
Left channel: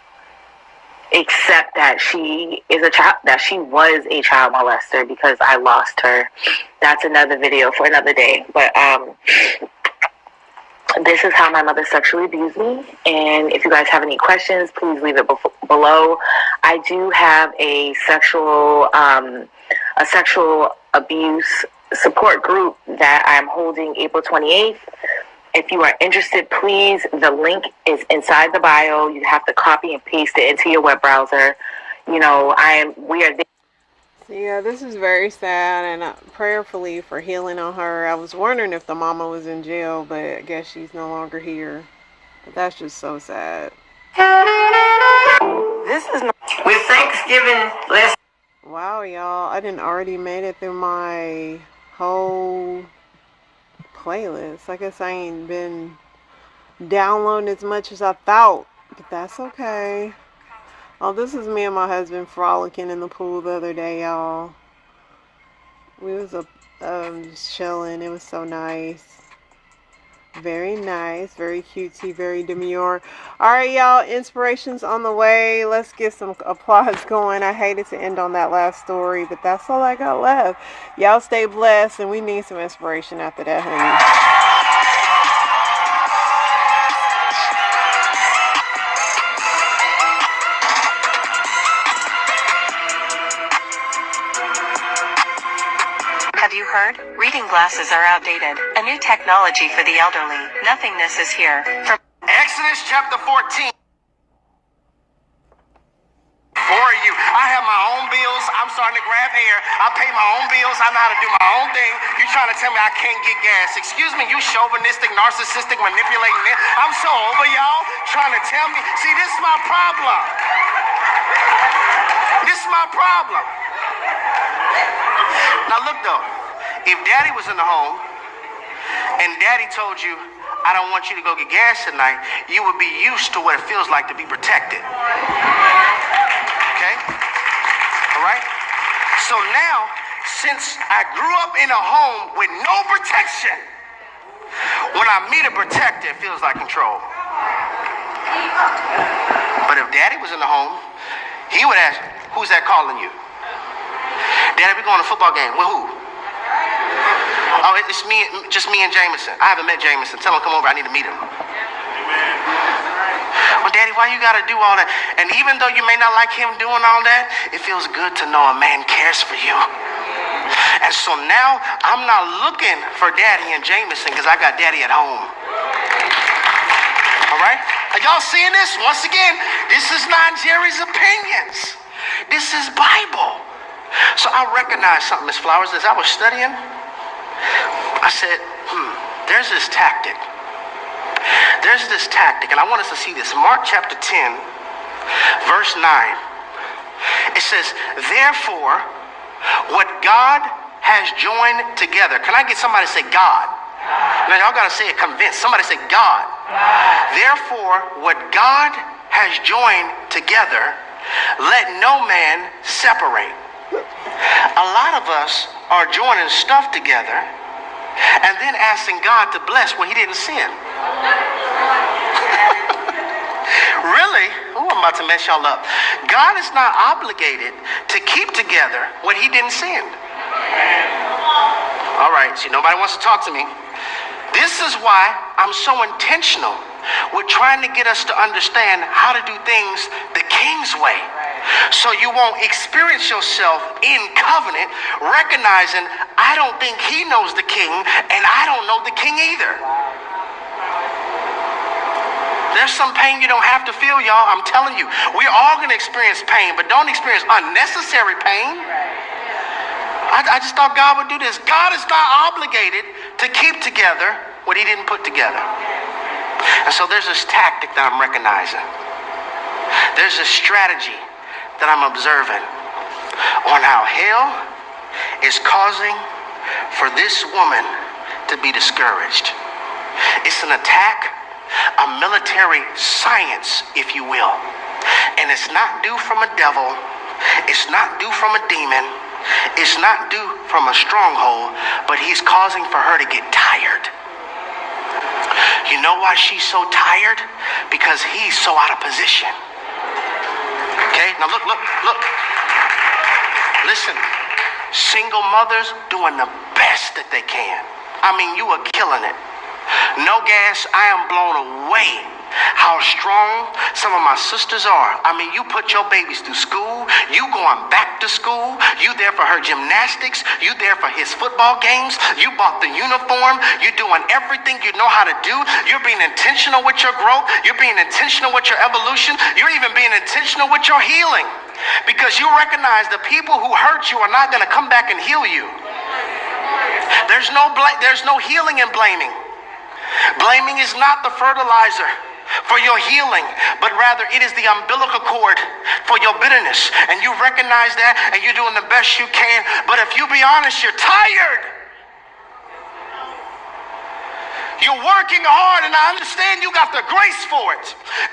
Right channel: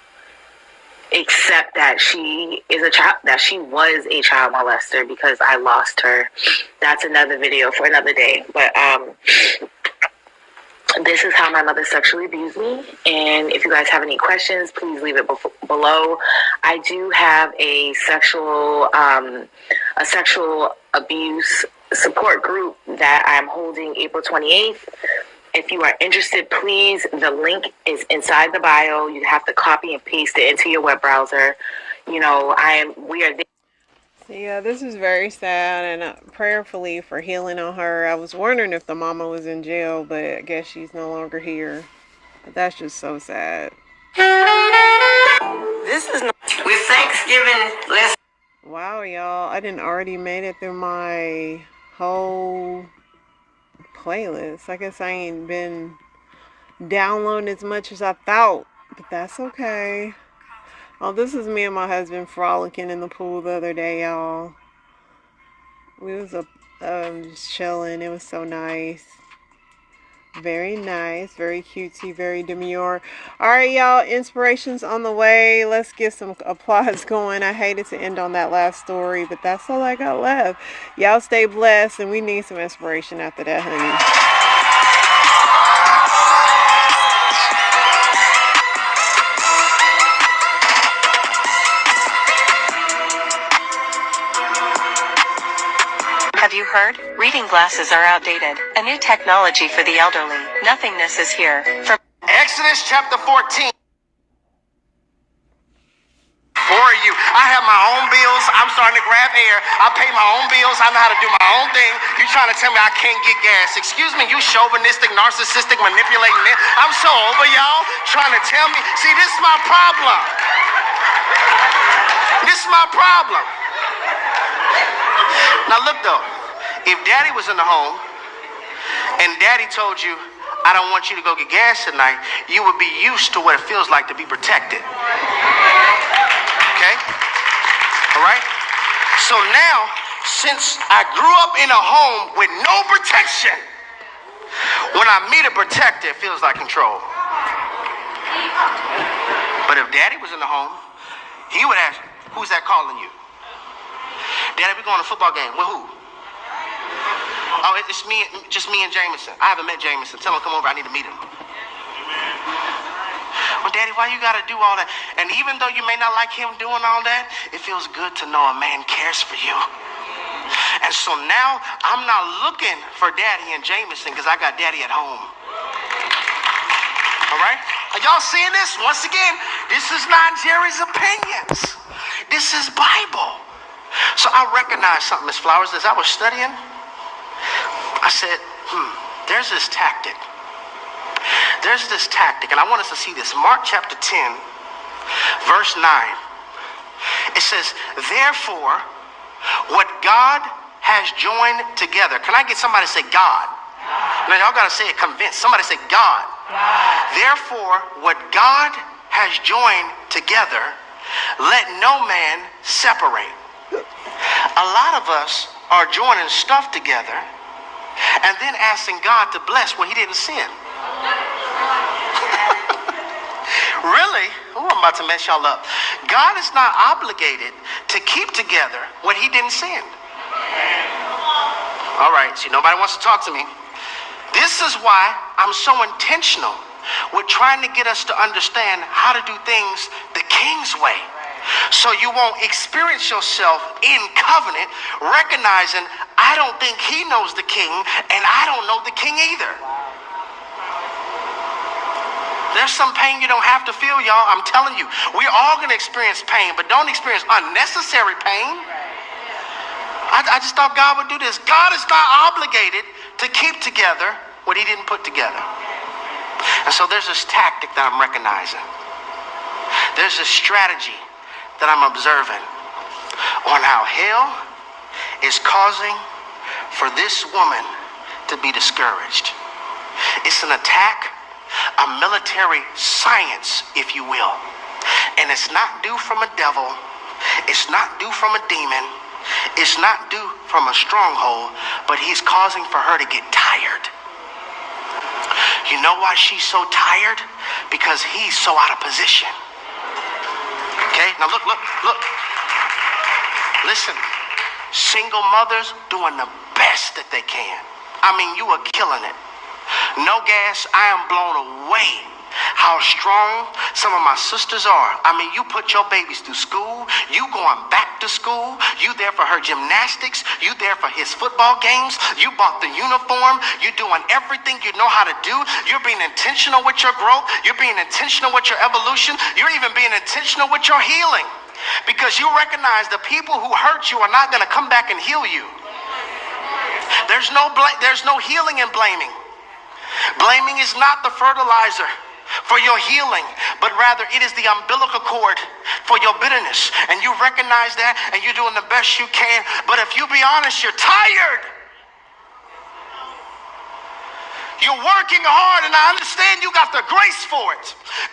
accept that she is a child, that she was a child molester, because I lost her. That's another video for another day. But this is how my mother sexually abused me. And if you guys have any questions, please leave it below. I do have a sexual abuse support group that I'm holding April 28th. If you are interested, please, the link is inside the bio. You have to copy and paste it into your web browser. You know, we are there. Yeah, this is very sad, and prayerfully for healing on her. I was wondering if the mama was in jail, but I guess she's no longer here. But that's just so sad. This is not with Thanksgiving last. Wow, y'all, I didn't already made it through my whole playlist. I guess I ain't been downloading as much as I thought, but that's okay. Oh, this is me and my husband frolicking in the pool the other day, y'all. We was just chilling. It was so nice. Very nice, very cutesy, very demure. Alright, y'all, inspiration's on the way. Let's get some applause going. I hated to end on that last story, but that's all I got left. Y'all stay blessed, and we need some inspiration after that, honey. Have you heard? Reading glasses are outdated. A new technology for the elderly. Nothingness is here. From Exodus chapter 14. For you, I have my own bills. I'm starting to grab air. I pay my own bills. I know how to do my own thing. You trying to tell me I can't get gas? Excuse me, you chauvinistic, narcissistic, manipulating it. I'm so over y'all trying to tell me. See, this is my problem. This is my problem. Now look though, if daddy was in the home and daddy told you, I don't want you to go get gas tonight, you would be used to what it feels like to be protected. Okay? So now, since I grew up in a home with no protection, when I meet a protector, it feels like control. But if daddy was in the home, he would ask, who's that calling you? Daddy, we going to a football game. With who? Oh, it's me, just me and Jameson. I haven't met Jameson. Tell him come over. I need to meet him. Well, Daddy, why you got to do all that? And even though you may not like him doing all that, it feels good to know a man cares for you. And so now I'm not looking for Daddy and Jameson because I got Daddy at home. All right? Are y'all seeing this? Once again, this is not Jerry's opinions. This is Bible. So I recognized something, Miss Flowers, as I was studying. I said, there's this tactic. There's this tactic, and I want us to see this. Mark chapter 10, verse 9. It says, therefore, what God has joined together. Can I get somebody to say God? Now, y'all got to say it convinced. Somebody say God. Therefore, what God has joined together, let no man separate. A lot of us are joining stuff together and then asking God to bless what he didn't send. Really? Oh, I'm about to mess y'all up. God is not obligated to keep together what he didn't send. All right, see, nobody wants to talk to me. This is why I'm so intentional with trying to get us to understand how to do things the King's way. So you won't experience yourself in covenant, recognizing I don't think he knows the king, and I don't know the king either. There's some pain you don't have to feel, y'all. I'm telling you, we're all going to experience pain, but don't experience unnecessary pain. I just thought God would do this. God is not obligated to keep together what he didn't put together. And so there's this tactic that I'm recognizing. There's this strategy that I'm observing on how hell is causing for this woman to be discouraged. It's an attack, a military science, if you will. And it's not due from a devil. It's not due from a demon. It's not due from a stronghold, but he's causing for her to get tired. You know why she's so tired? Because he's so out of position. Okay, now look. Listen, single mothers doing the best that they can. I mean, you are killing it. No gas, I am blown away how strong some of my sisters are. I mean, you put your babies through school, you going back to school, you there for her gymnastics, you there for his football games, you bought the uniform, you're doing everything you know how to do, you're being intentional with your growth, you're being intentional with your evolution, you're even being intentional with your healing. Because you recognize the people who hurt you are not going to come back and heal you. There's no healing in blaming. Blaming is not the fertilizer for your healing, but rather it is the umbilical cord for your bitterness. And you recognize that, and you're doing the best you can. But if you be honest, you're tired. You're working hard, and I understand you got the grace for it.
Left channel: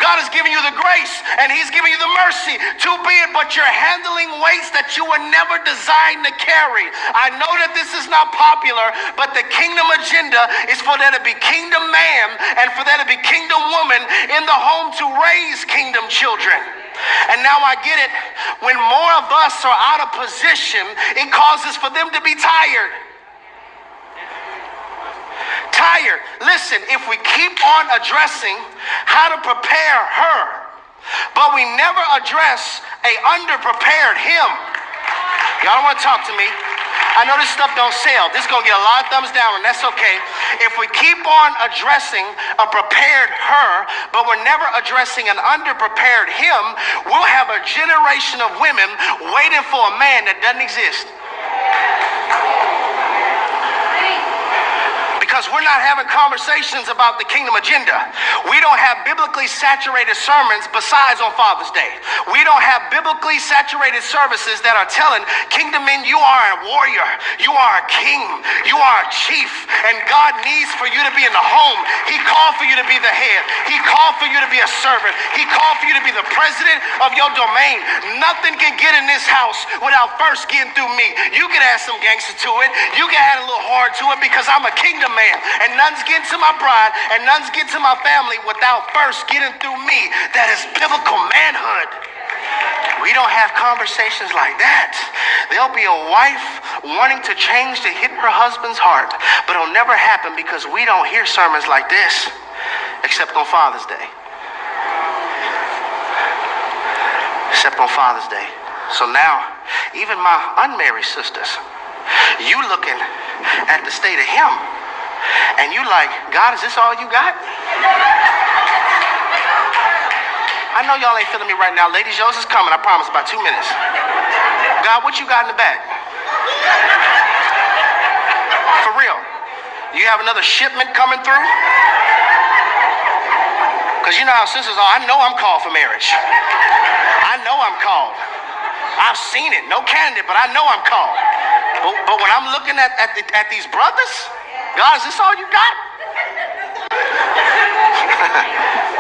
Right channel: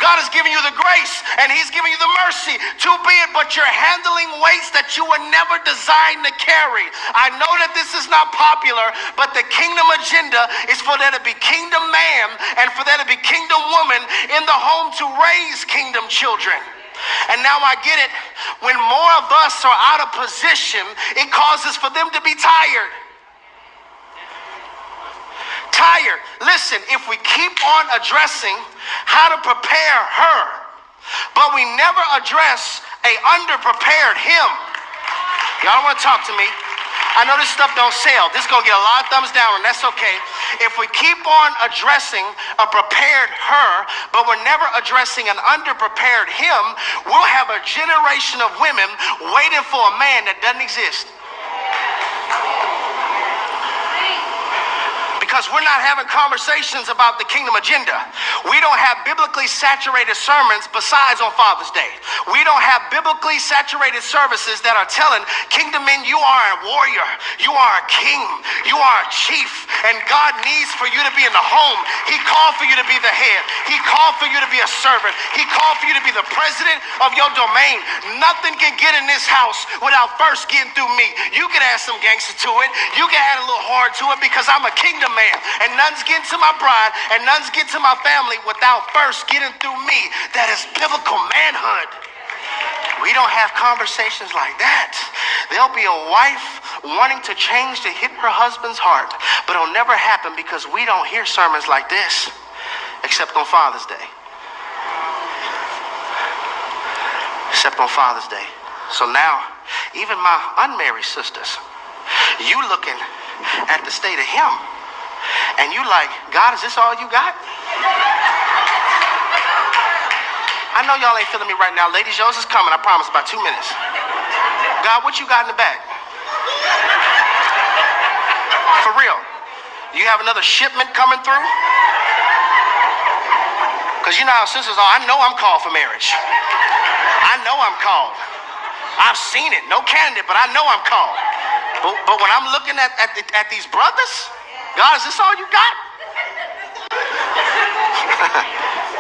God has given you the grace, and he's giving you the mercy to be it, but you're handling weights that you were never designed to carry. I know that this is not popular, but the kingdom agenda is for there to be kingdom man and for there to be kingdom woman in the home to raise kingdom children. And now I get it. When more of us are out of position, it causes for them to be tired. Tired. Listen, if we keep on addressing how to prepare her, but we never address a underprepared him. Y'all don't want to talk to me. I know this stuff don't sell. This is going to get a lot of thumbs down, and that's okay. If we keep on addressing a prepared her, but we're never addressing an underprepared him, we'll have a generation of women waiting for a man that doesn't exist. because we're not having conversations about the kingdom agenda. We don't have biblically saturated sermons besides on Father's Day. We don't have biblically saturated services that are telling kingdom men, you are a warrior, you are a king, you are a chief, and God needs for you to be in the home. He called for you to be the head. He called for you to be a servant. He called for you to be the president of your domain. Nothing can get in this house without first getting through me. You can add some gangster to it. You can add a little hard to it because I'm a kingdom man, and none's getting to my bride and none's getting to my family without first getting through me. That is biblical manhood. We don't have conversations like that. There'll be a wife wanting to change to hit her husband's heart, but it'll never happen because we don't hear sermons like this except on Father's Day. Except on Father's Day. So now, even my unmarried sisters, you looking at the state of him, and you like, God, is this all you got? I know y'all ain't feeling me right now. Ladies, yours is coming, I promise, about 2 minutes. God, what you got in the back? For real. You have another shipment coming through? Because you know how sisters are. I know I'm called for marriage. I know I'm called. I've seen it. No candidate, but I know I'm called. But when I'm looking at these brothers, God, is this all you got?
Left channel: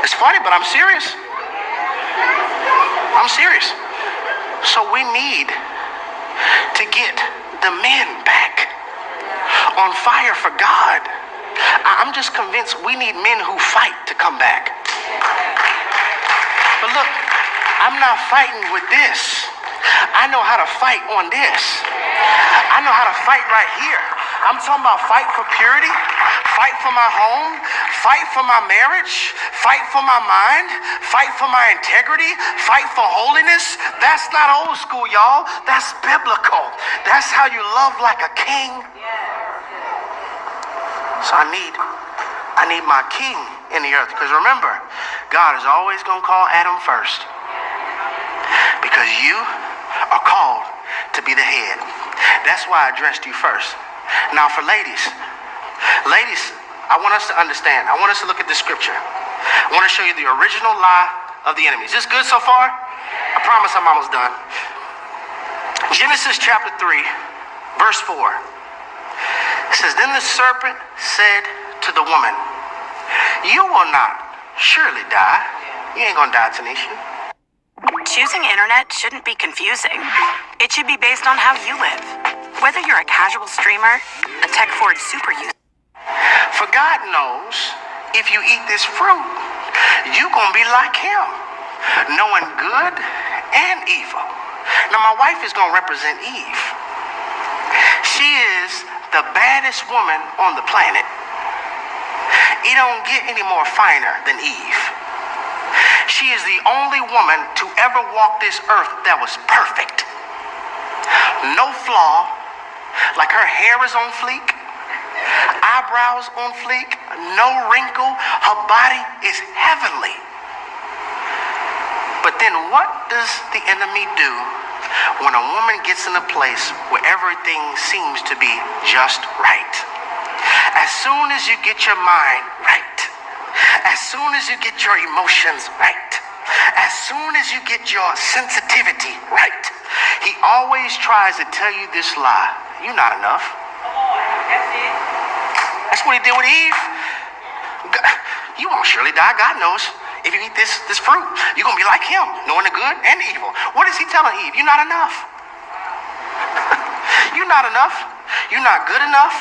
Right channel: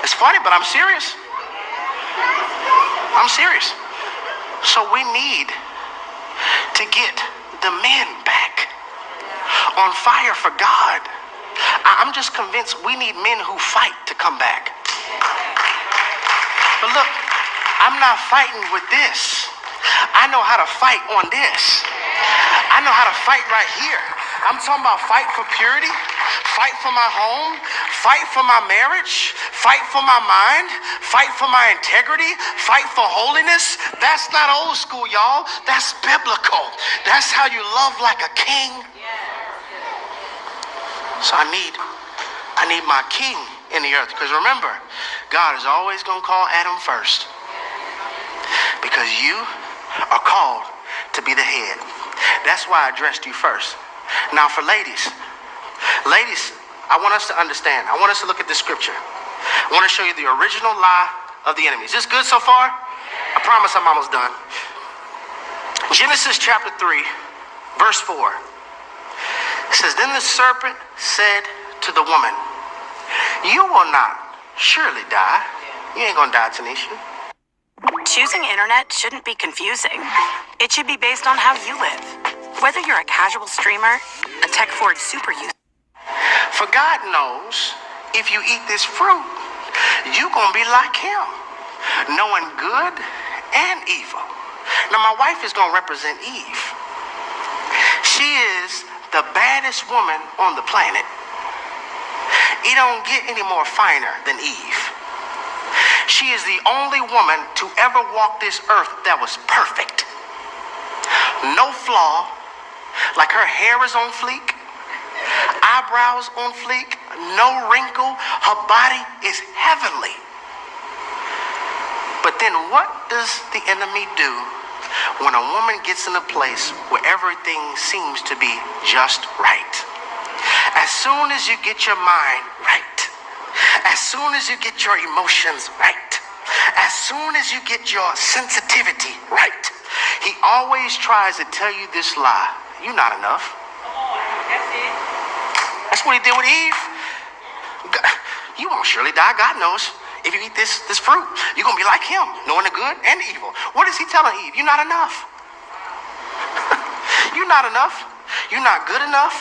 It's funny, but I'm serious. I'm serious. So we need to get the men back on fire for God. I'm just convinced we need men who fight to come back. But look, I'm not fighting with this. I know how to fight on this. I know how to fight right here. I'm talking about fight for purity, fight for my home, fight for my marriage, fight for my mind, fight for my integrity, fight for holiness. That's not old school, y'all. That's biblical. That's how you love like a king. So I need my king in the earth. Because remember, God is always going to call Adam first. Because you are called to be the head. That's why I addressed you first. Now for ladies, I want us to understand. I want us to look at the scripture. I want to show you the original lie of the enemy. Is this good so far? I promise I'm almost done. Genesis chapter 3, verse 4. It says, then the serpent said to the woman, you will not surely die. You ain't gonna die, Tanisha. Choosing internet shouldn't be confusing. It should be based on how you live. Whether you're a casual streamer, a tech-forward super user. For God knows if you eat this fruit, you gonna be like him, knowing good and evil. Now my wife is gonna represent Eve. She is the baddest woman on the planet. It don't get any more finer than Eve. She is the only woman to ever walk this earth that was perfect. No flaw, like her hair is on fleek, eyebrows on fleek, no wrinkle, her body is heavenly. But then what does the enemy do when a woman gets in a place where everything seems to be just right? As soon as you get your mind right, as soon as you get your emotions right, as soon as you get your sensitivity right, he always tries to tell you this lie. You're not enough. That's what he did with Eve. You won't surely die. God knows. If you eat this fruit, you're going to be like him, knowing the good and the evil. What is he telling Eve? You're not enough. You're not enough. You're not good enough.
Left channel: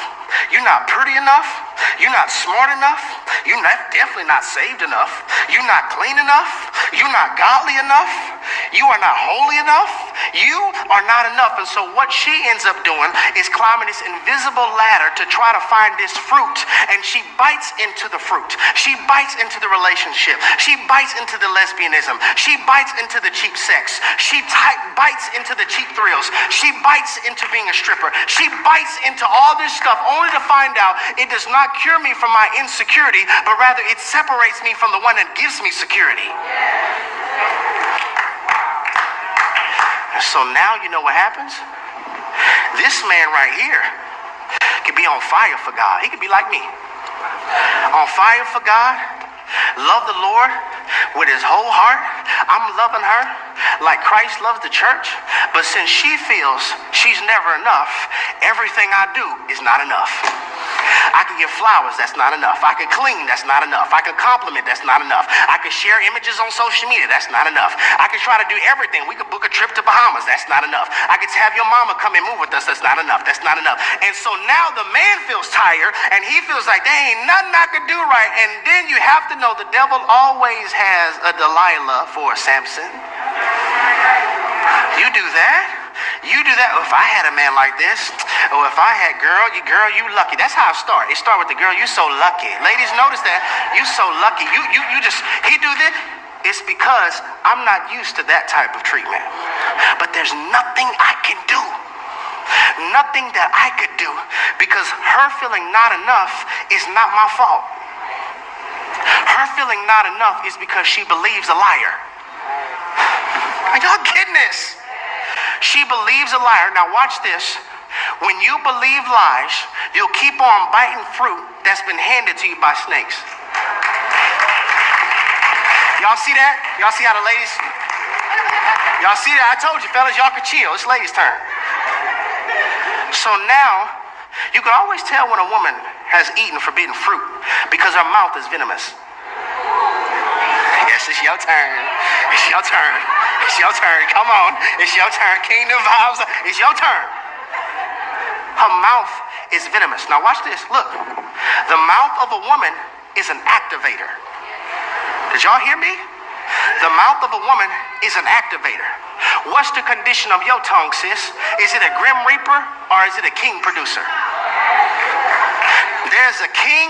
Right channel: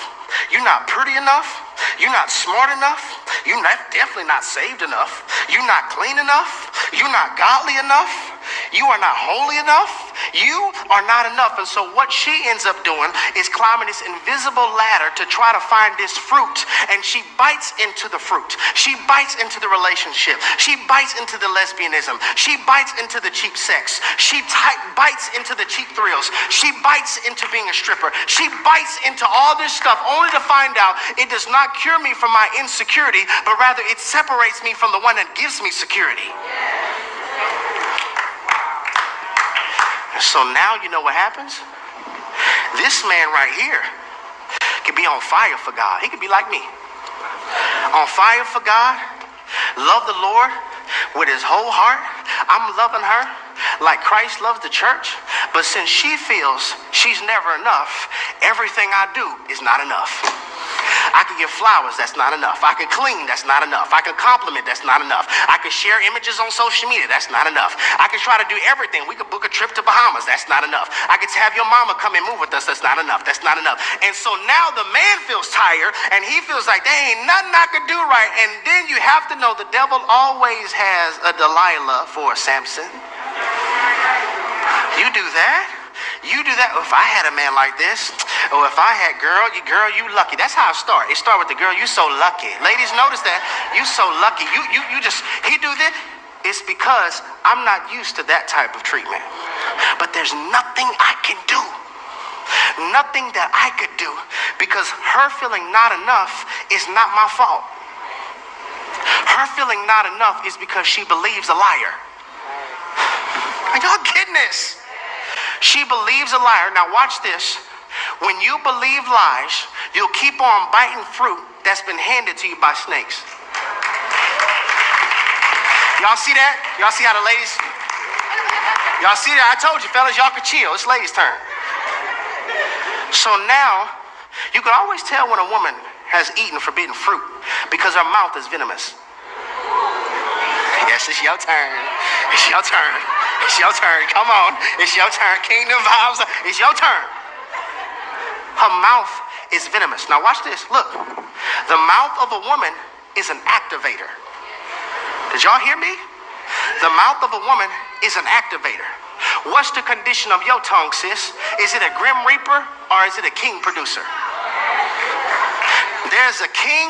You're not pretty enough. You're not smart enough. You're definitely not saved enough. You're not clean enough. You're not godly enough. You are not holy enough. You are not enough. And so what she ends up doing is climbing this invisible ladder to try to find this fruit. And she bites into the fruit. She bites into the relationship. She bites into the lesbianism. She bites into the cheap sex. She bites into the cheap thrills. She bites into being a stripper. She bites into all this stuff only to find out it does not cure me from my insecurity, but rather it separates me from the one that gives me security. So now you know what happens? This man right here could be on fire for God. He could be like me. on fire for God, love the Lord with his whole heart. I'm loving her like Christ loves the church. But since she feels she's never enough, everything I do is not enough. I can give flowers, that's not enough. I can clean, that's not enough. I can compliment, that's not enough. I can share images on social media, that's not enough. I can try to do everything. We could book a trip to Bahamas, that's not enough. I could have your mama come and move with us, that's not enough. That's not enough. And so now the man feels tired and he feels like there ain't nothing I could do right. And then you have to know the devil always has a Delilah for a Samson. You do that? You do that. If I had a man like this, or if I had girl, you lucky. That's how it starts. It starts with the girl, you so lucky. Ladies, notice that. You so lucky. You just, he do this. It's because I'm not used to that type of treatment. But there's nothing I can do. Nothing that I could do. Because her feeling not enough is not my fault. Her feeling not enough is because she believes a liar. Are y'all getting this? She believes a liar. Now watch this. When you believe lies, you'll keep on biting fruit that's been handed to you by snakes. Y'all see that? Y'all see how the ladies? Y'all see that? I told you, fellas, y'all could chill. It's ladies' turn. So now, you can always tell when a woman has eaten forbidden fruit because her mouth is venomous. Yes, it's your turn. It's your turn. It's your turn. Come on. It's your turn. Kingdom vibes. It's your turn. Her mouth is venomous. Now watch this. Look. The mouth of a woman is an activator. Did y'all hear me? The mouth of a woman is an activator. What's the condition of your tongue, sis? Is it a grim reaper or is it a king producer? There's a king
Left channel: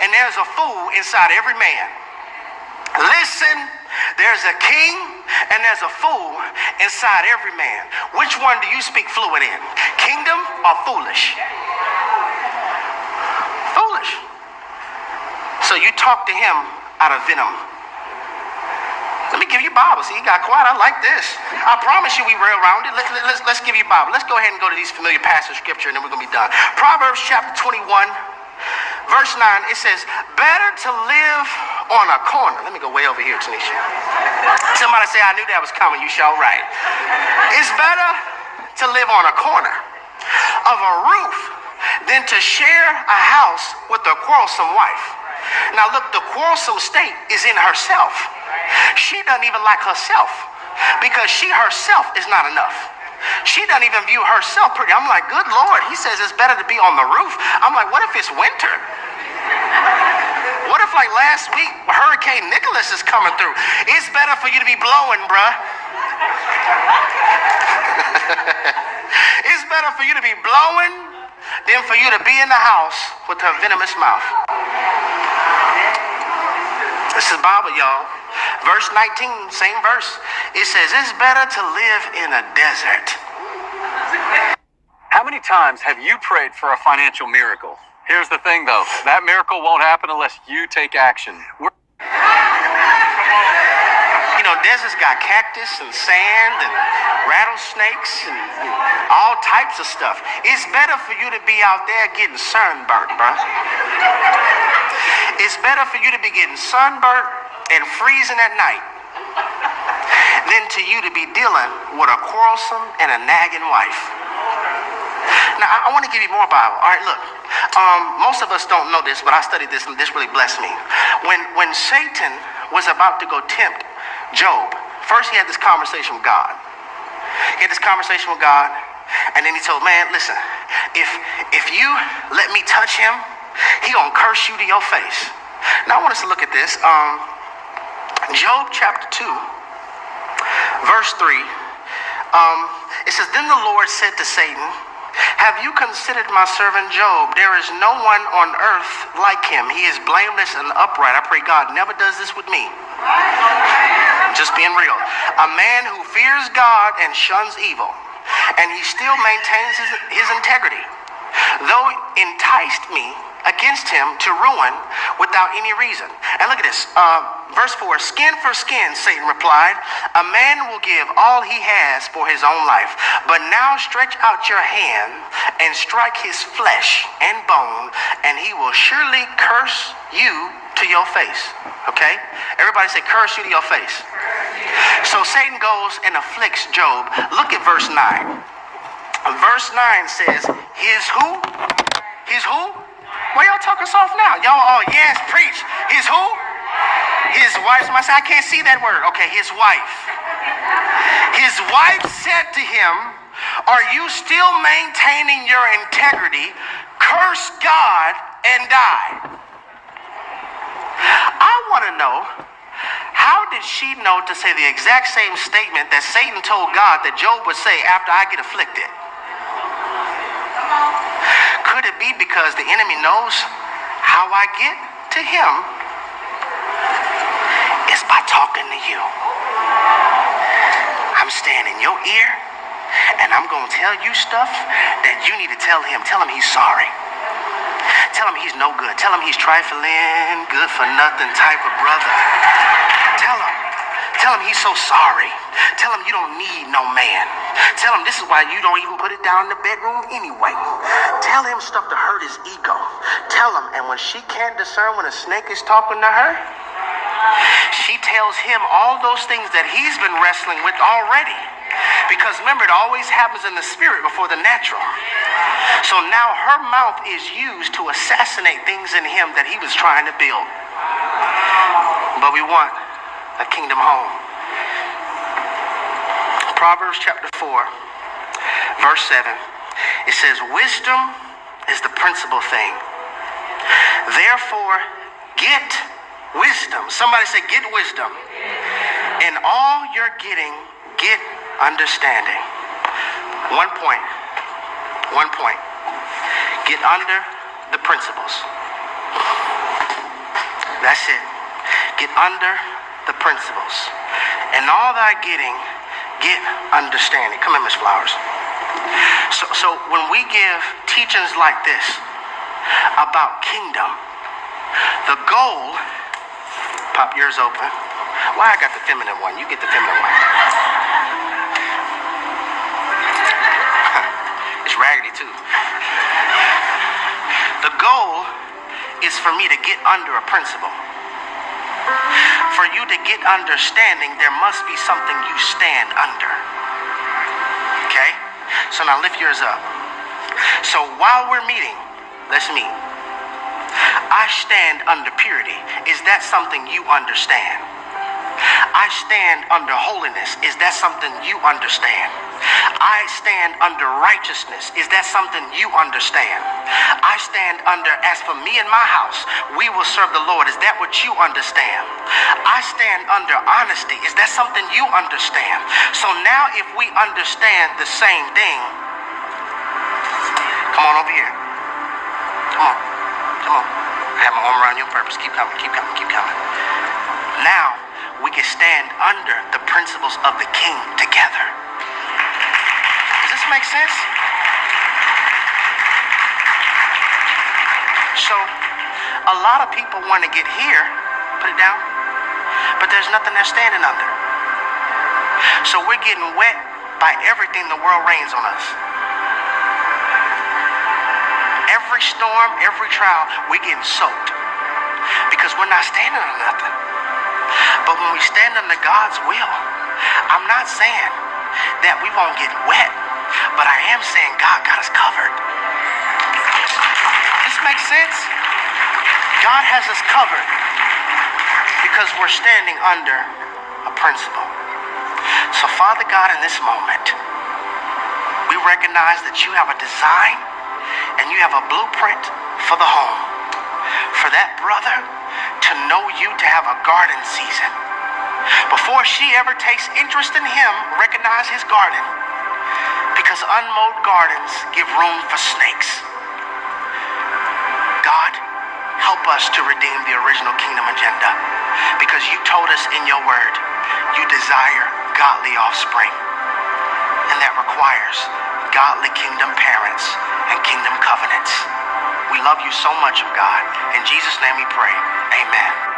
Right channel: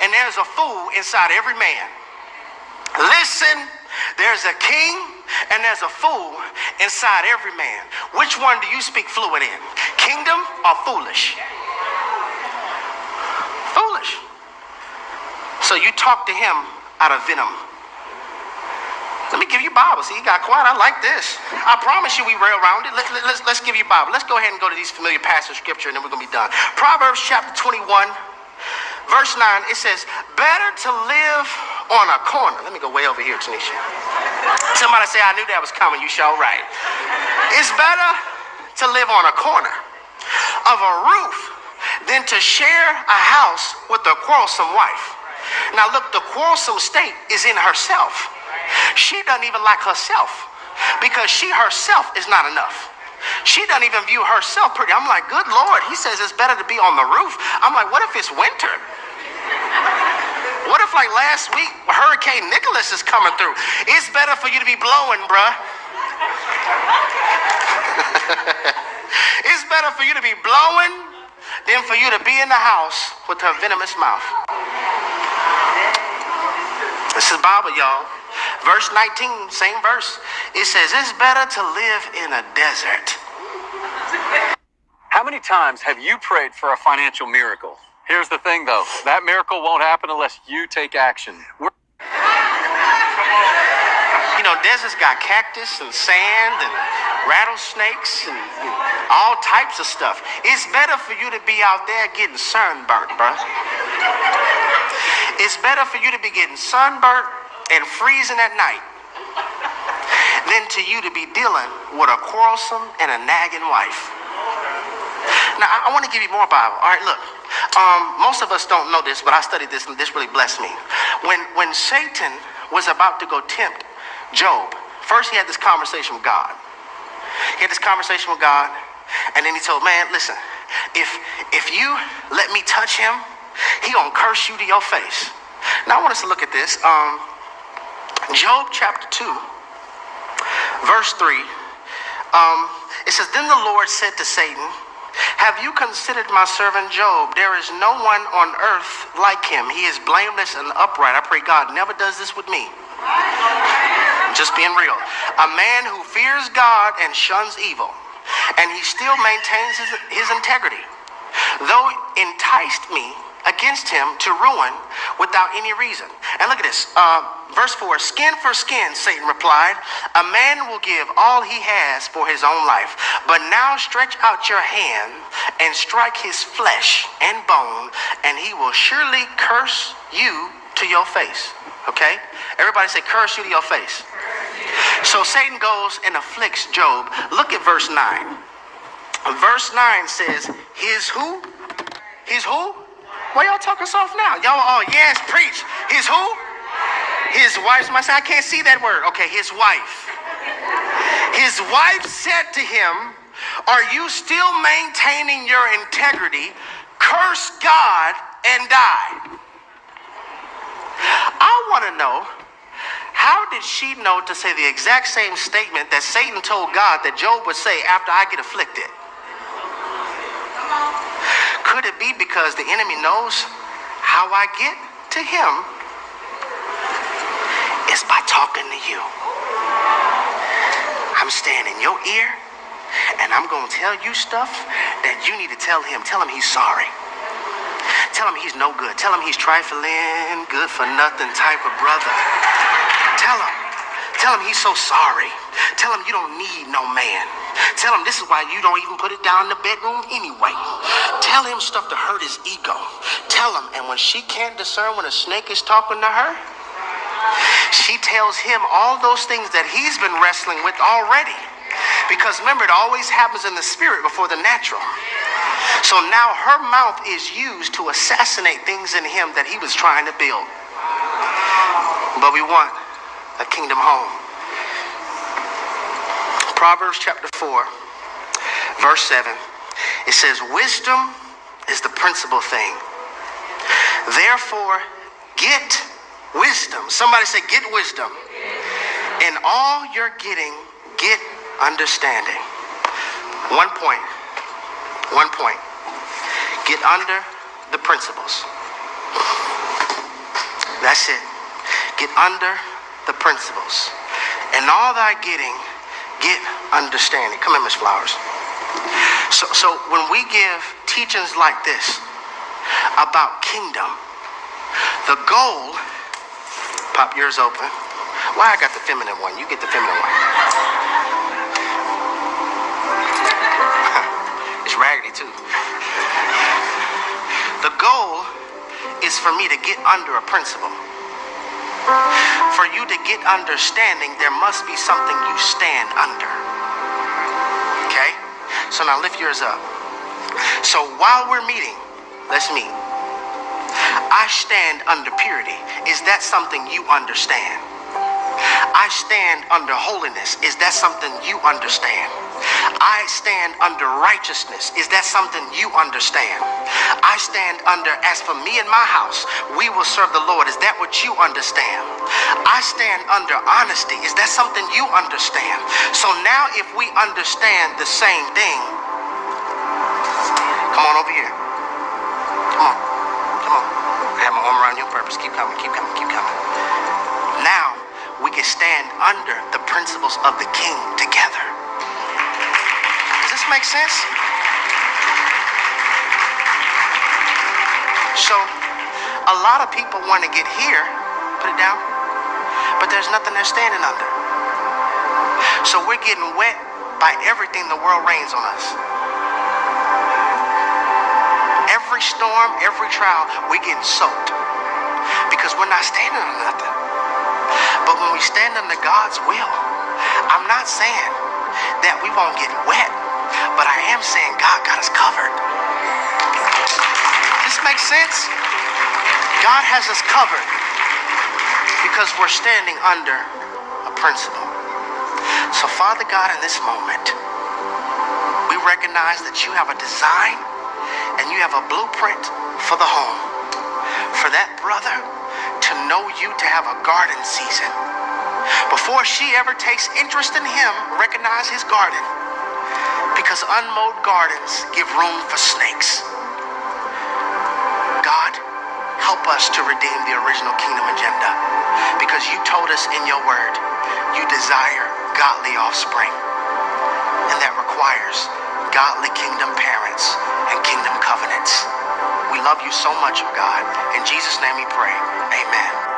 and there's a fool inside every man. Listen, there's a king and there's a fool inside every man. Which one do you speak fluent in? Kingdom or foolish? Foolish. So you talk to him out of venom. Let me give you Bible. See, you got quiet. I like this. I promise you we rail around it. Let's give you Bible. Let's go ahead and go to these familiar passages of scripture and then we're going to be done. Proverbs chapter 21. Verse 9, it says, better to live on a corner. Let me go way over here, Tanisha. Somebody say, I knew that was coming. You sure right. It's better to live on a corner of a roof than to share a house with a quarrelsome wife. Now look, the quarrelsome state is in herself. She doesn't even like herself because she herself is not enough. She doesn't even view herself pretty. I'm like, good Lord, he says it's better to be on the roof. I'm like, what if it's winter? What if like last week, Hurricane Nicholas is coming through? It's better for you to be blowing, bruh. It's better for you to be blowing than for you to be in the house with her venomous mouth. This is Bible, y'all. Verse 19, same verse. It says, it's better to live in a desert. How many times have you prayed for a financial miracle? Here's the thing, though. That miracle won't happen unless you take action. You know, deserts got cactus and sand and rattlesnakes and all types of stuff. It's better for you to be out there getting sunburnt, bro. It's better for you to be getting sunburnt and freezing at night than to you to be dealing with a quarrelsome and a nagging wife. Now, I want to give you more Bible. All right, look. Most of us don't know this, but I studied this, and this really blessed me. When Satan was about to go tempt Job, first he had this conversation with God. He had this conversation with God, and then he told, man, listen, if you let me touch him, he gonna curse you to your face. Now, I want us to look at this. Job chapter 2, verse 3. It says, then the Lord said to Satan, have you considered my servant Job? There is no one on earth like him. He is blameless and upright. I pray God never does this with me. I'm just being real. A man who fears God and shuns evil, and he still maintains his integrity. Though enticed me, against him to ruin without any reason. And look at this. Verse 4, skin for skin, Satan replied. A man will give all he has for his own life. But now stretch out your hand and strike his flesh and bone, and he will surely curse you to your face. Okay? Everybody say, curse you to your face. So Satan goes and afflicts Job. Look at verse 9. Verse 9 says, his who? His who? Why y'all talking soft now? Y'all, oh yes, preach. His who? His wife. Somebody say, I can't see that word. Okay, his wife. His wife said to him, are you still maintaining your integrity? Curse God and die. I want to know, how did she know to say the exact same statement that Satan told God that Job would say after I get afflicted? Could it be because the enemy knows how I get to him is by talking to you? I'm staying in your ear, and I'm going to tell you stuff that you need to tell him. Tell him he's sorry. Tell him he's no good. Tell him he's trifling, good for nothing type of brother. Tell him he's so sorry. Tell him you don't need no man. Tell him this is why you don't even put it down in the bedroom anyway. Tell him stuff to hurt his ego. Tell him, and when she can't discern when a snake is talking to her, she tells him all those things that he's been wrestling with already. Because remember, it always happens in the spirit before the natural. So now her mouth is used to assassinate things in him that he was trying to build. But we want a kingdom home. Proverbs chapter 4, verse 7. It says, wisdom is the principal thing. Therefore, get wisdom. Somebody say, get wisdom. In all you're getting, get understanding. One point. Get under the principles. That's it. Get under the principles. And all thy getting, get understanding. Come in, Miss Flowers. So when we give teachings like this about kingdom, the goal, pop yours open. Why I got the feminine one? You get the feminine one. It's raggedy too. The goal is for me to get under a principle. For you to get understanding, there must be something you stand under. Okay? So now lift yours up. So while we're meeting, let's meet. I stand under purity. Is that something you understand? I stand under holiness. Is that something you understand? I stand under righteousness. Is that something you understand? I stand under, as for me and my house, we will serve the Lord. Is that what you understand? I stand under honesty. Is that something you understand? So now if we understand the same thing, come on over here. Come on. I have my arm around you on purpose. Keep coming. Now we can stand under the principles of the King together. Does this make sense? So a lot of people want to get here, put it down, but there's nothing they're standing under. So we're getting wet by everything the world rains on us. Every storm, every trial, we're getting soaked because we're not standing on nothing. But when we stand under God's will, I'm not saying that we won't get wet, but I am saying God got us covered. This makes sense? God has us covered because we're standing under a principle. So Father God, in this moment, we recognize that you have a design and you have a blueprint for the home. For that brother to know you, to have a garden season. Before she ever takes interest in him, recognize his garden. Because unmowed gardens give room for snakes. God, help us to redeem the original kingdom agenda. Because you told us in your word, you desire godly offspring. And that requires godly kingdom parents and kingdom covenants. We love you so much, oh God. In Jesus' name we pray. Amen.